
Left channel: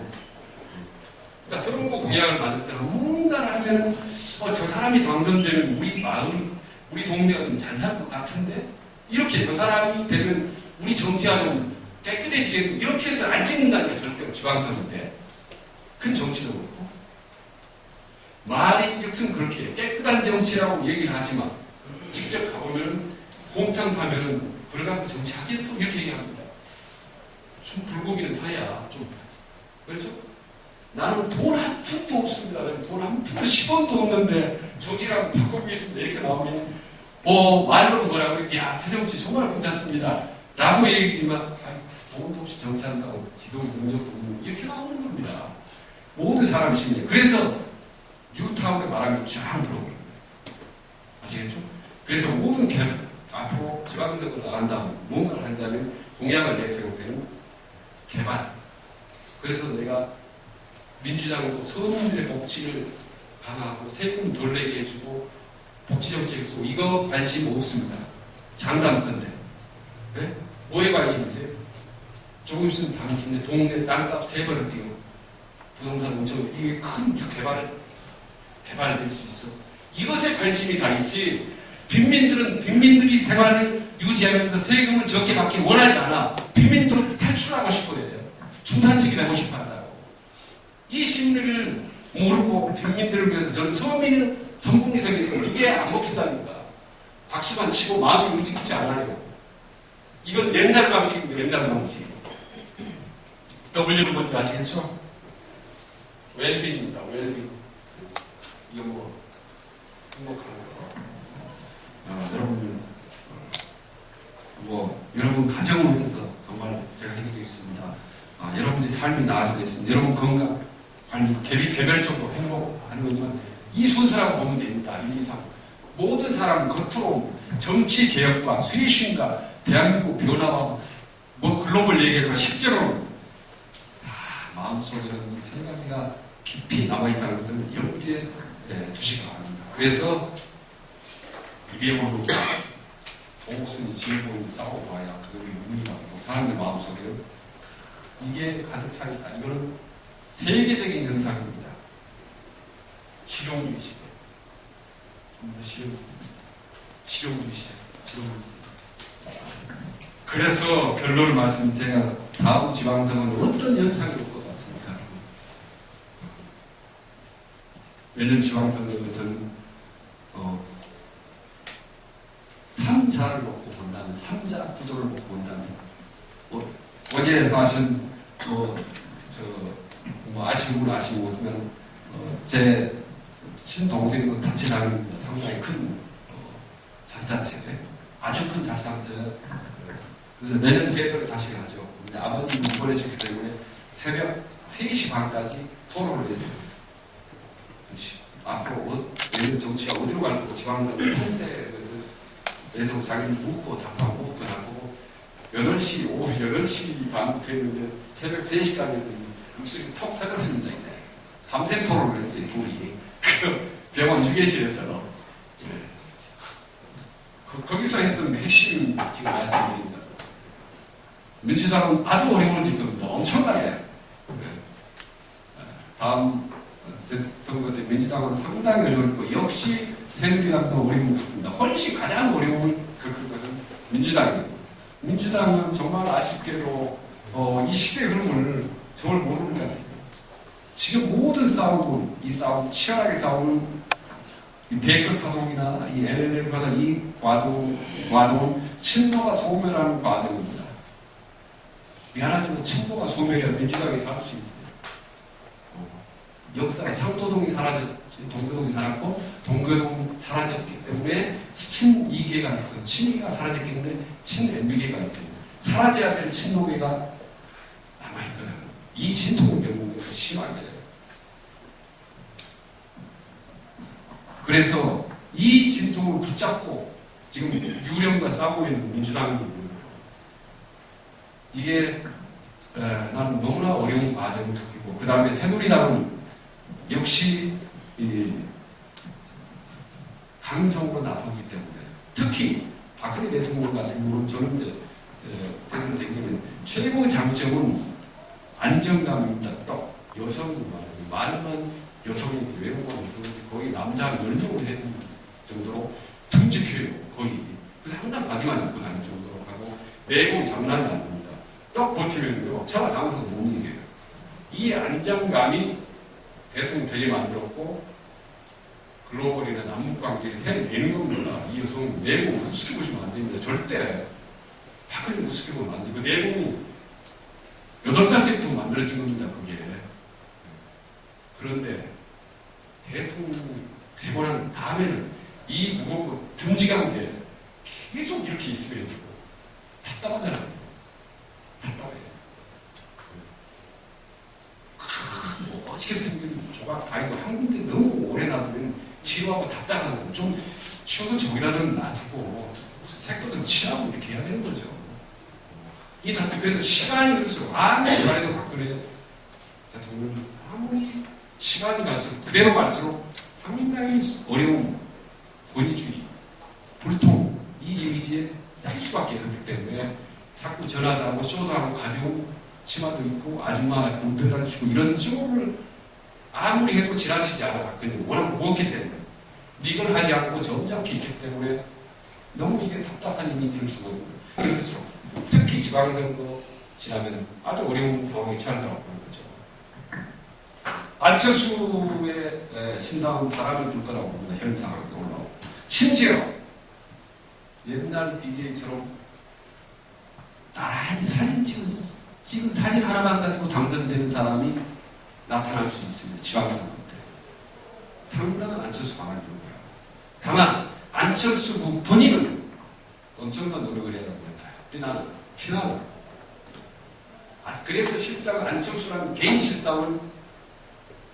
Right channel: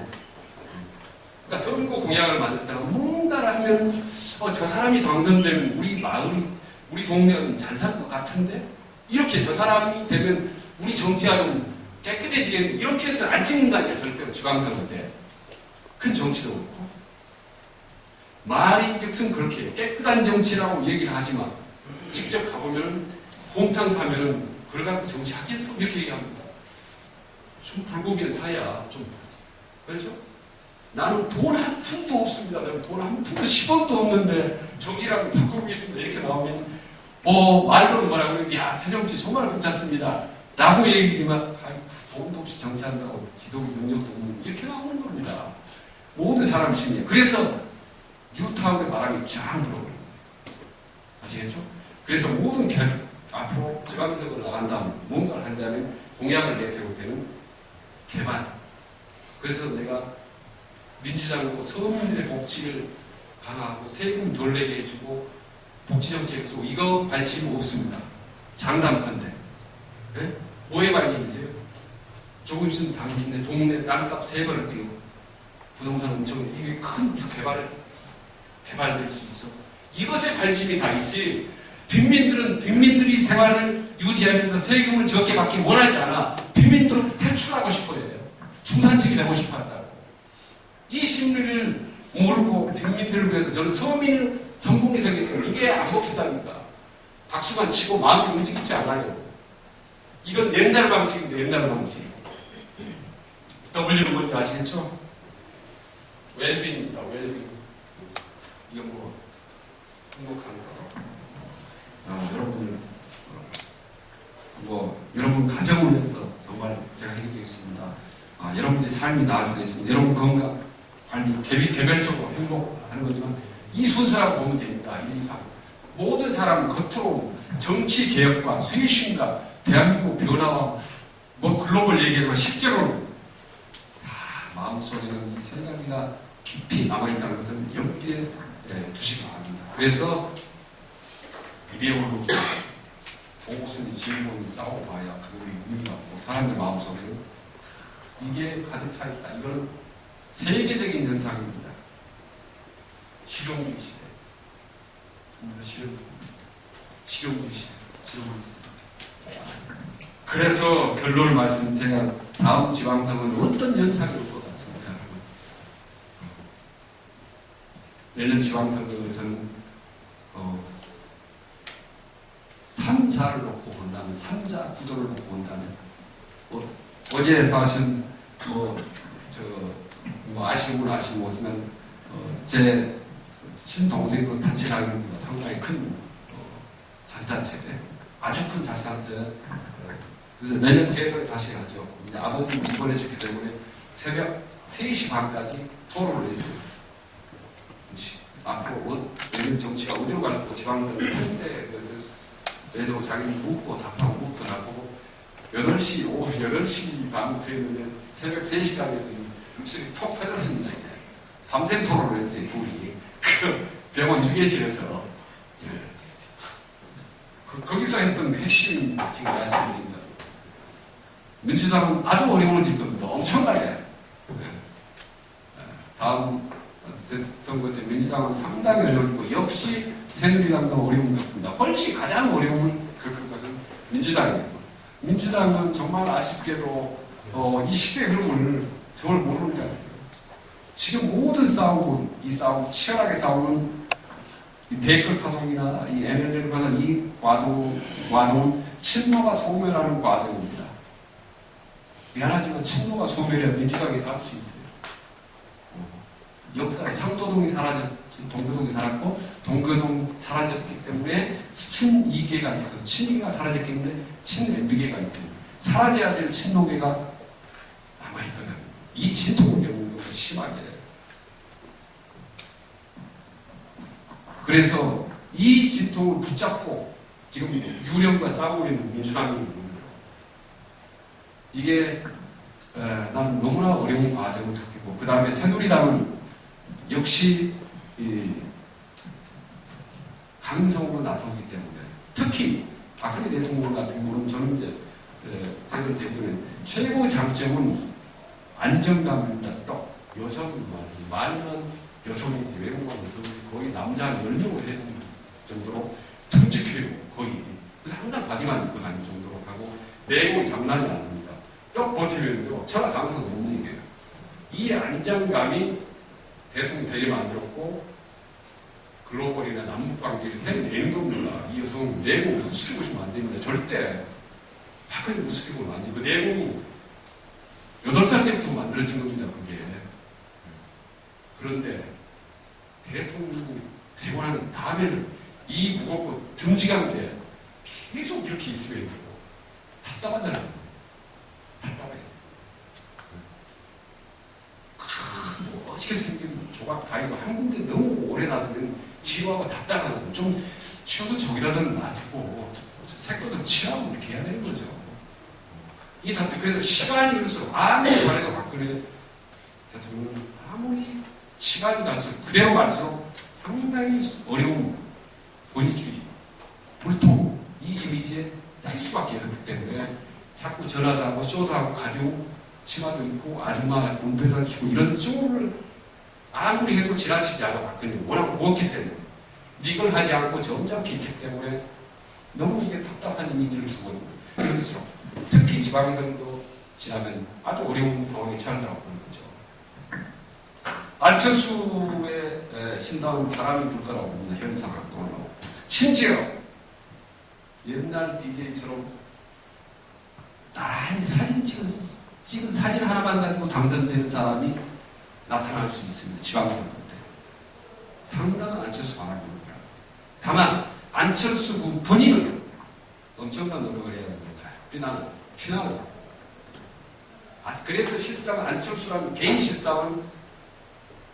그러니까 선거 공약을 만들 때는 뭔가를 하면은, 저 사람이 당선되면 우리 마을이, 우리 동네가 좀 잘 살 것 같은데? 이렇게 저 사람이 되면 우리 정치가 좀 깨끗해지겠는데, 이렇게 해서 안 찍는다니까, 절대로 지방선거 때. 큰 정치도 그렇고. 말이 즉슨 그렇게 해요. 깨끗한 정치라고 얘기를 하지만, 직접 가보면, 곰탕 사면은, 그래갖고 정치하겠어? 이렇게 얘기합니다. 좀 불고기는 사야 좀 하지. 그렇죠? 나는 돈 한 푼도 없습니다. 돈 한 푼도 10원도 없는데 정치라고 바꾸고 있습니다. 이렇게 나오면 말로는 뭐라고 야 새정치 정말 괜찮습니다. 라고 얘기지만 돈도 없이 정치한다고 지도부 능력도 없는 이렇게 나오는 겁니다. 모든 사람이 심리에. 그래서 뉴타운의 바람이 쫙 불어버립니다. 아시겠죠? 그래서 모든 앞으로 지방선거를 나간다면 무언가를 한다면 공약을 내세울 때는 개발. 그래서 내가 민주당으로 서민들의 복지를 강화하고 세금 덜 내게 해주고 복지정책을 쓰고 이거 관심 없습니다. 장담컨대. 네? 뭐에 관심 있어요? 조금 있으면 당신네 동네 땅값 3배로 뛰고 부동산 엄청 이게 큰 개발될 수 있어. 이것에 관심이 다 있지. 빈민들이 생활을 유지하면서 세금을 적게 받기 원하지 않아. 빈민들은 탈출하고 싶어요. 중산층이 되고 싶어 한다고. 이 심리를 모르고 빈민들을 위해서 저는 서민의 성공이 생겼으면 이게 안 먹힌다니까. 박수만 치고 마음이 움직이지 않아요. 이건 옛날 방식인데 옛날 방식. W는 뭔지 아시겠죠? 웰빙입니다. 웰빙. 이거 뭐 행복한 거. 여러분들 여러분 가정을 위해서 정말 제가 해드리겠습니다. 여러분들의 삶이 나아지겠습니다. 여러분 건강 관리 개별적으로 행복하는 거지만 이 순서라고 보면 됩니다. 1, 2, 3. 모든 사람은 겉으로 정치 개혁과 쇄신과 대한민국 변화와 글로벌 얘기하지만 실제로는 다 마음속에는 이 3가지가 깊이 남아있다는 것을 염두에 두시기 바랍니다. 그래서 이데올로기, 보수니 진보니 싸워봐야 그거의 의미가 없고 사람들 마음속에는 이게 가득 차 있다. 이거는 세계적인 현상입니다. 실용주의 시대. 정말 실용주의 시대. 그래서 결론을 말씀드리면 다음 지방선거는 어떤 현상이 올 것 같습니까, 여러분? 내년 지방선거는 저는 3자를 놓고 본다면, 3자 구도를 놓고 본다면, 어제 사실 아시는 분 아시고 모르지만 제 친동생도 단체장입니다. 상당히 큰 자치단체, 아주 큰 자치단체. 그래서 내년 재선에 다시 가죠. 아버님이 입원하셨기 때문에 새벽 3시 반까지 토론을 했어요. 앞으로 내년 정치가 어디로 갈고 지방선거 8세 것을 그래서 자기는 묻고 답하고 8시, 오후 8시 반부터 했는데 새벽 3시까지 해서 입술이 톡 터졌습니다. 그냥. 밤샘 토론을 했어요, 둘이. 그 병원 휴게실에서. 거기서 했던 핵심 지금 말씀드립니다. 민주당은 아주 어려워질 겁니다. 엄청나게. 다음 선거 때 민주당은 상당히 어려울 거고 역시 새누리당도 어려운 겁니다. 훨씬 가장 어려운 겪을 것은 민주당이고 민주당은 정말 아쉽게도 이 시대의 흐름을 정말 모르는 것 같아요. 지금 모든 이 싸움, 치열하게 싸우는 이 댓글 파동이나 이 NLL 파동, 이 과동은 친노가 소멸하는 과정입니다. 미안하지만 친노가 소멸해야 민주당이 살 수 있어요. 역사에 상도동이 사라졌지, 동교동이 살았고, 동교동 사라졌기 때문에 친이계가 있어요. 친이계가 사라졌기 때문에 친MB계가 있어요. 사라져야 될 친노계가 남아있거든. 이 진통을 겪는 것도 심하게. 그래서 이 진통을 붙잡고 지금 유령과 싸우고 있는 민주당이 이게 나는 너무나 어려운 과정을 겪고 그 다음에 새누리당은 역시 강성으로 나서기 때문에 특히 박근혜 대통령 같은 경우는 저는 이제 대선 되기 전에 최고의 장점은 안정감입니다. 또 여성이 말만 여성이지 외국만 여성이지 거의 남자 10명을 해야 되는 정도로 듬직해요. 거의. 그래서 항상 바지만 입고 다닐 정도로 하고 내공이 장난이 아닙니다. 쭉 버티면요. 천하장사도 못 이겨요. 이 안정감이 대통령이 되게 만들었고 글로벌이나 남북관계를 해내는 겁니다. 이 여성은 내공을 우습게 보시면 안 됩니다. 절대 박근혜 우습게 보면 안 돼요. 그 내공이 8살 때부터 만들어진 겁니다. 그게. 그런데 대통령이 되고 난 다음에는 이 무겁고 듬직한 게 계속 이렇게 있어야 되고 답답하잖아요. 답답해요. 멋지게 생긴 조각 다리도 한 군데 너무 오래 놔두면 지루하고 답답하고 좀 쉬어도 저기다든 놔두고 색도든 칠하고 이렇게 해야 되는 거죠. 이게 다 그래서 시간이 갈수록 아무리 잘해도 박근혜 대통령이 아무리 시간이 갈수록 그대로 갈수록 상당히 어려운 권위주의, 불통 이 이미지에 짤 수밖에 없기 때문에 자꾸 전화도 하고 쇼도 하고 가벼운 치마도 입고 아줌마 몸빼도 치고 이런 쇼를 아무리 해도 지나치지 않아 박근혜는 워낙 무겁기 때문에 이걸 하지 않고 점잖게 있기 때문에 너무 이게 답답한 이미지를 주거든요. 그럴수록 특히 지방선거 지나면 아주 어려운 상황에 처한다고 보는 거죠. 안철수의 신당은 바람이 불 거라고 봅니다. 현 상황 떠올라오고 심지어 옛날 DJ처럼 나란히 사진 찍은 사진 하나만 가지고 당선되는 사람이 나타날 수 있습니다. 지방선거 때. 상당한 안철수 방안이 불 거라고. 다만 안철수 본인은 엄청난 노력을 해야 됩니다. 피난을. 그래서 실상 안철수라는 개인 실상은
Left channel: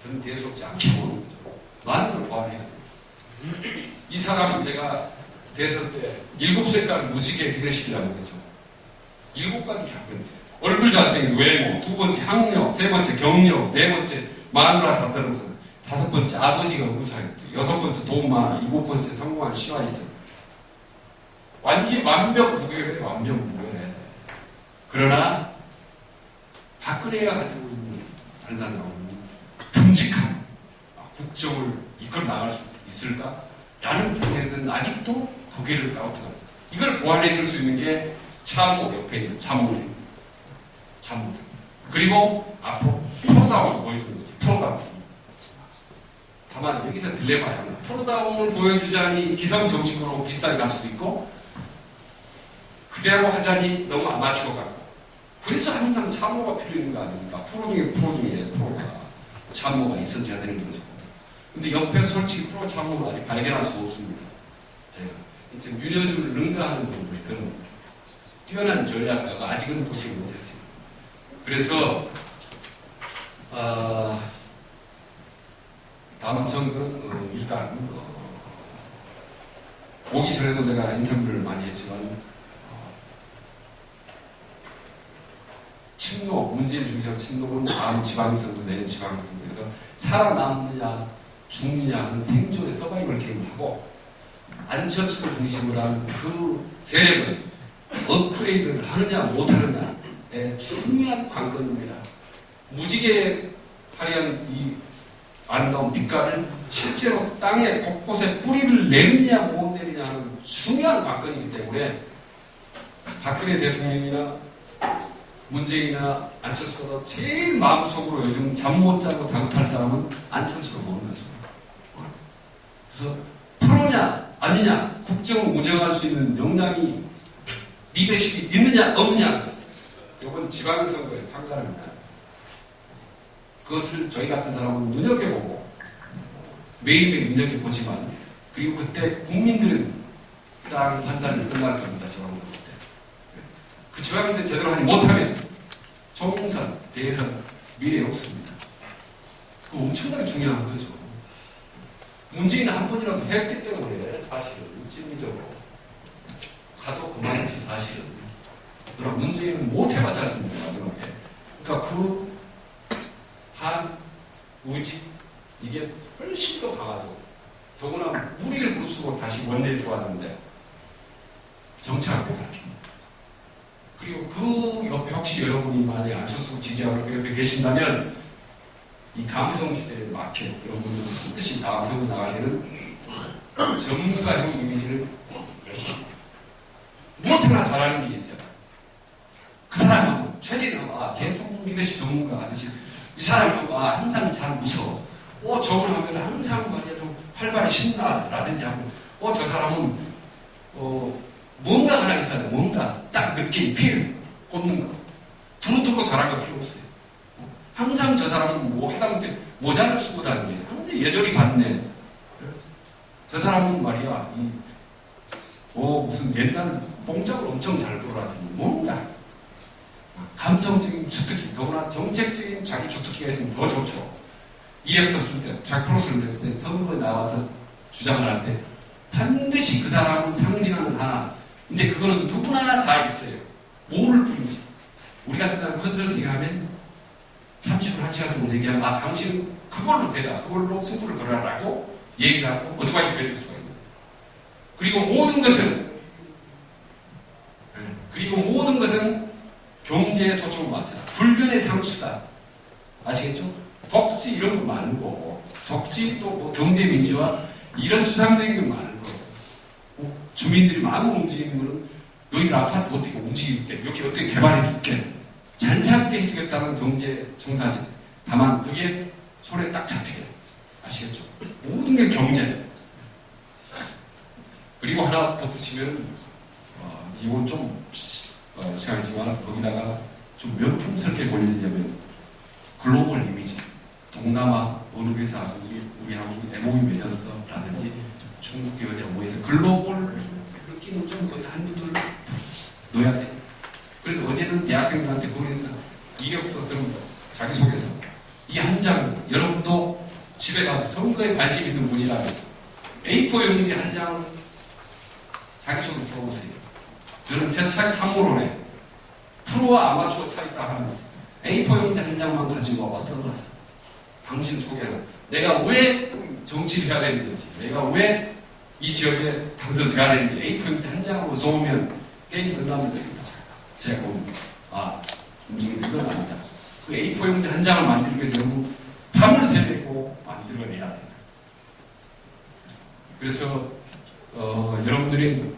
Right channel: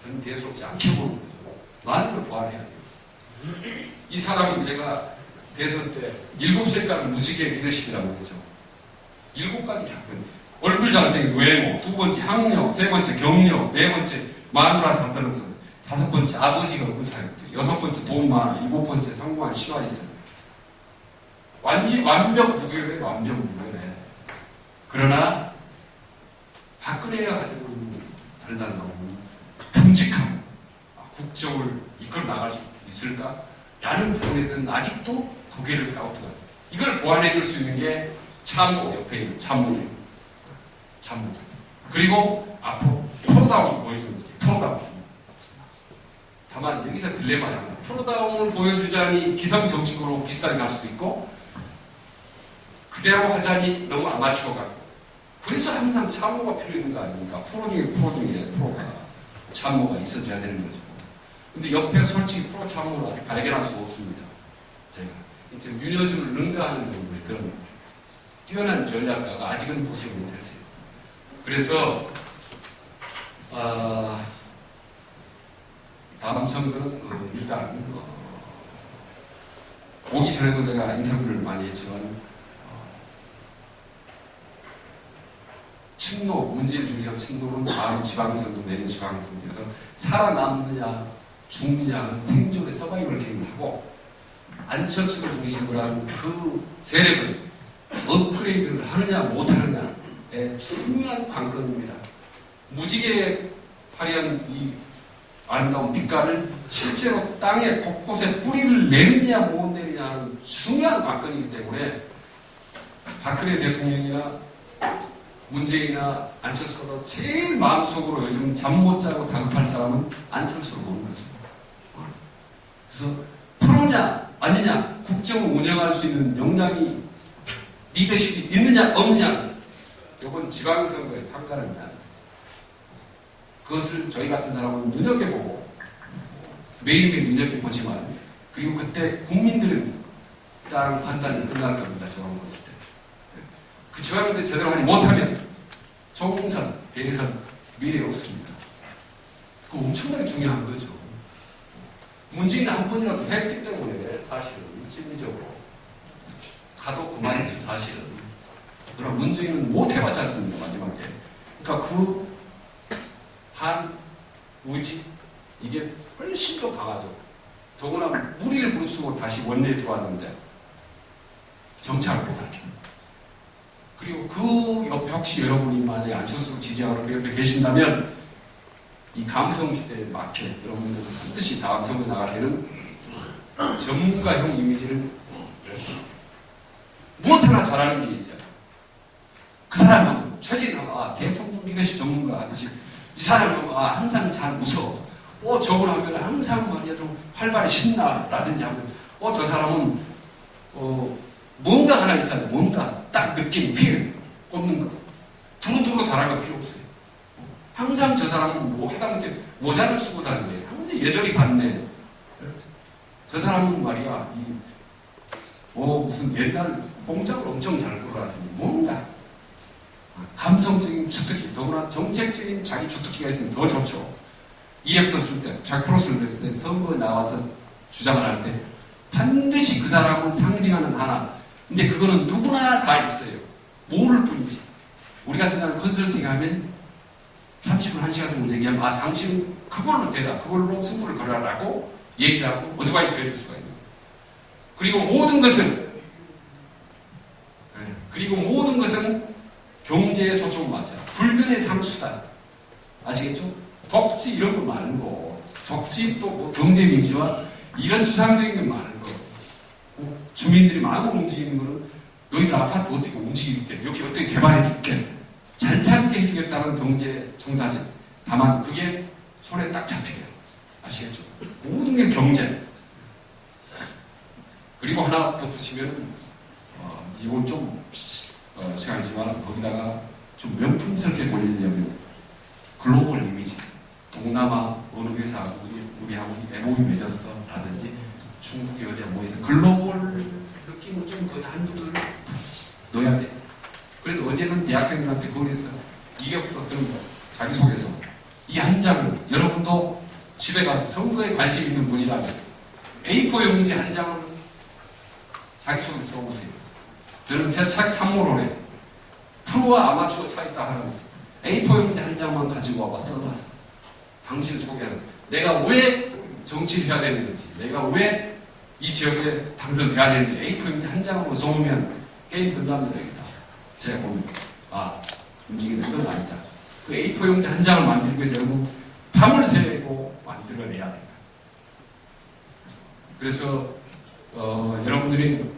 저는 대수롭지 않게 보는 거죠. 많은 걸 보완해야 돼요. 이 사람은 제가 대선 때 7색깔 무지개 리더십이라고 그러죠. 7가지 작품. 얼굴 잘생긴 외모, 2번째 학력, 3번째 경력, 4번째 마누라 다 떨어서 5번째 아버지가 의사였고 6번째 돈 많아, 7번째 성공한 시가 있어. 완벽 무결해, 완벽 무결해. 그러나 박근혜가 가지고 있는 다른 사람하고 듬직한 국정을 이끌어 나갈 수 있을까? 라는 부분에 대해서는 아직도 고개를 갸우뚱합니다. 이걸 보완해 줄 수 있는 게 참모, 옆에 있는 참모들. 그리고 앞으로 프로다움을 보여주는 거지. 프로다움. 다만 여기서 딜레마야 하나. 프로다움을 보여주자니 기성 정치권으로 비슷하게 갈 수도 있고 그대로 하자니 너무 아마추어 같고 그래서 항상 참모가 필요 있는 거 아닙니까? 프로 중에 프로가 참모가 있어줘야 되는 거죠. 근데 옆에 솔직히 프로 참모를 아직 발견할 수 없습니다. 제가 이제 윤여준을 능가하는 정도의 그런 뛰어난 전략가가 아직은 보지 못했어요. 그래서 다음 선거는 일단 오기 전에도 제가 인터뷰를 많이 했지만 친노, 문재인 중의적 친노는 다음 지방선거, 내년 지방선거에서 살아남느냐 죽느냐 하는 생존의 서바이벌 게임을 하고 안철수를 중심으로 한 그 세력을 업그레이드를 하느냐 못하느냐의 중요한 관건입니다. 무지개 화려한 이 아름다운 빛깔을 실제로 땅에 곳곳에 뿌리를 내리냐 못 내리냐 하는 중요한 관건이기 때문에 박근혜 대통령이나 문재인이나 안철수보다 제일 마음속으로 요즘 잠 못 자고 다급할 사람은 안철수로 보는 거죠. 그래서 프로냐 아니냐 국정을 운영할 수 있는 역량이 리더십이 있느냐 없느냐 이건 지방선거의 판가름이다. 그것을 저희 같은 사람은 눈여겨보고 매일매일 눈여겨보지만 그리고 그때 국민들은 딱 판단이 끝날 겁니다. 지방선거 때. 그 지방선거 때 제대로 하지 못하면 총선, 대선 미래 없습니다. 그거 엄청나게 중요한 거죠. 문재인은 한 번이라도 했기 때문에 사실은 심리적으로 가도 그만이지 사실은. 그러나 문재인은 못 해봤지 않습니까 마지막에. 그러니까 그 한 의지 이게 훨씬 더 강하죠. 더구나 무리를 무릅쓰고 다시 원내에 들어왔는데 정착을 못하는. 그리고 그 옆에 혹시 여러분이 만약에 안철수 지지하러 그 옆에 계신다면 이 감성시대의 마켓 이런 분들 반드시 다음 선거 나갈 때는 전문가형 이미지를 무엇 하나 잘하는 게 있어요. 그 사람은 최진영 대통령 리더십 전문가 아저씨 이 사람은 항상 잘 웃어. 저걸 하면 항상 말이야 좀 활발히 신나라든지 하고 저 사람은 뭔가 하나 있어야 돼. 뭔가 딱 느낌, 필 꼽는 거. 두루두루 잘하는 거 필요 없어요. 항상 저 사람은 뭐 하다못해 모자를 쓰고 다니네. 항상 예절이 받네. 저 사람은 말이야 무슨 옛날 봉짝을 엄청 잘 돌아다니 뭔가 감성적인 주특기, 더구나 정책적인 자기 주특기가 있으면 더 좋죠. 이력서 쓸 때, 100% 쓸 때, 선거에 나와서 주장을 할 때 반드시 그 사람을 상징하는 하나. 근데 그거는 누구나 다 있어요. 모를 뿐이지. 우리 같은 사람 컨설팅 하면 30분, 1시간 정도 얘기하면 아 당신 그걸로 되라. 그걸로 승부를 걸어라라고 얘기를 하고 어드바이스를 해줄 수가 있는 거예요. 그리고 모든 것은 경제에 초점을 맞춰라. 불변의 상수다. 아시겠죠? 복지 이런 거 말고 복지 또 뭐 경제 민주화 이런 추상적인 거 말고 주민들이 마음을 움직이는 거는 너희들 아파트 어떻게 움직일게 여기 어떻게 개발해 줄게 잘 살게 해주겠다는 경제 청사진. 다만 그게 손에 딱 잡혀요. 아시겠죠? 모든 게 경제. 그리고 하나 덧붙이면 이건 좀 시간이지만 거기다가 좀 명품스럽게 보이려면 글로벌 이미지. 동남아 어느 회사 우리하고 MOU 맺었어 라든지 중국이 어디야 뭐 있어 글로벌 느낌은 좀 거의 한두들 넣어야 돼. 그래서 어제는 대학생들한테 거기에서 이력서 쓰는 거예요. 자기소개서. 이 한 장 여러분도 집에 가서 선거에 관심 있는 분이라면 A4 용지 한 장을 자기소개 써보세요. 저는 제 책 참고로네. 프로와 아마추어 차이 딱 하나 있어요. A4 용지 한 장만 가지고 와봐 써놨어. 당신 소개는 내가 왜 정치를 해야 되는지, 내가 왜 이 지역에 당선돼야 되는지 A4 용지 한 장으로 써오면 게임 끝나면 되겠다. 제가 보면 움직이는 이건 아니다. 그 A4 용지 한 장을 만들게 되면 밤을 새고 만들어내야 된다. 그래서 여러분들이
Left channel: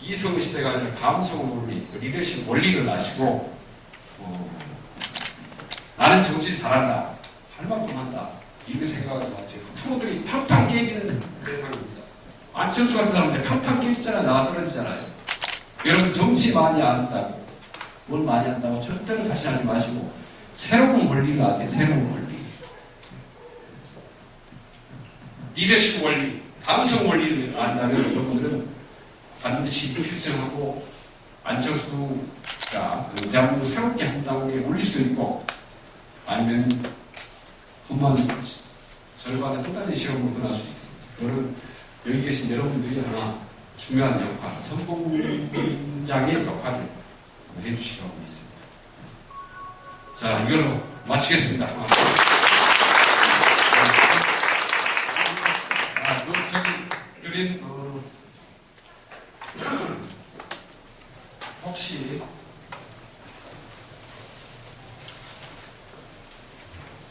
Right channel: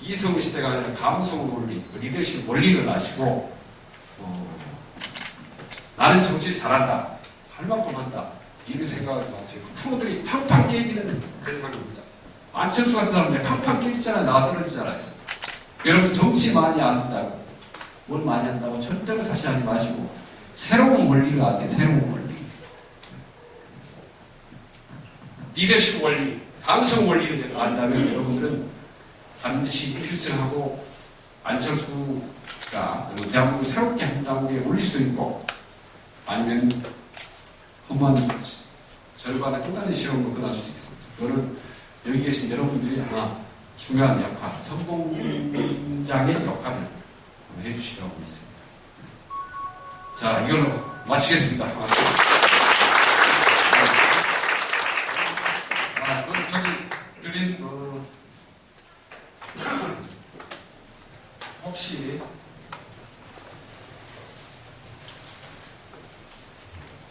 이성 시대가 아니라 감성 원리, 리더십 원리를 아시고 나는 정치를 잘한다, 할 만큼 한다 이렇게 생각하지 마세요. 그 프로들이 팡팡 깨지는 세상입니다. 안철수 같은 사람들 팡팡 깨지잖아요. 나가 떨어지잖아요. 여러분 정치 많이 안다고 뭘 많이 한다고 절대로 자신하지 마시고 새로운 원리를 아세요. 새로운 원리. 리더십 원리, 감성 원리를 안다면 여러분들은 반드시 필승하고 안철수가 대한민국 새롭게 한다고에 올릴 수도 있고 아니면 흠한 절반의 또 다른 시험으로 끝날 수도 있습니다. 그거는 여기 계신 여러분들이 하나 중요한 역할, 선봉장의 역할을 해주시라고 있습니다. 자, 이걸로 마치겠습니다. 저기 드린 혹시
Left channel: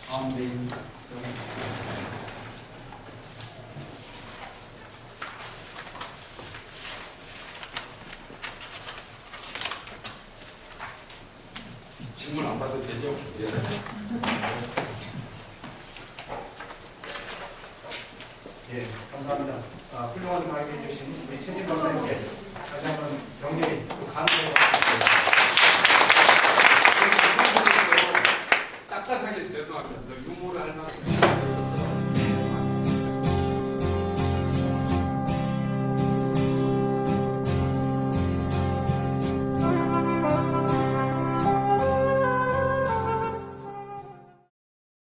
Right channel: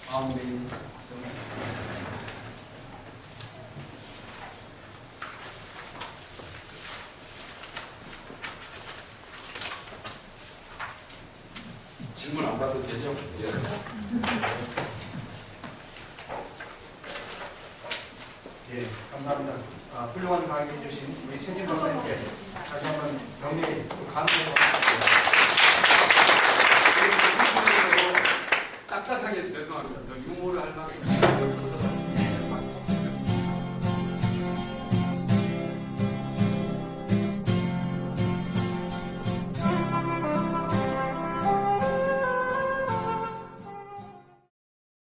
다음 질문 안 받아도 되죠? 예. 예, 감사합니다. 훌륭한 강의 해주신 우리 최진 박사님께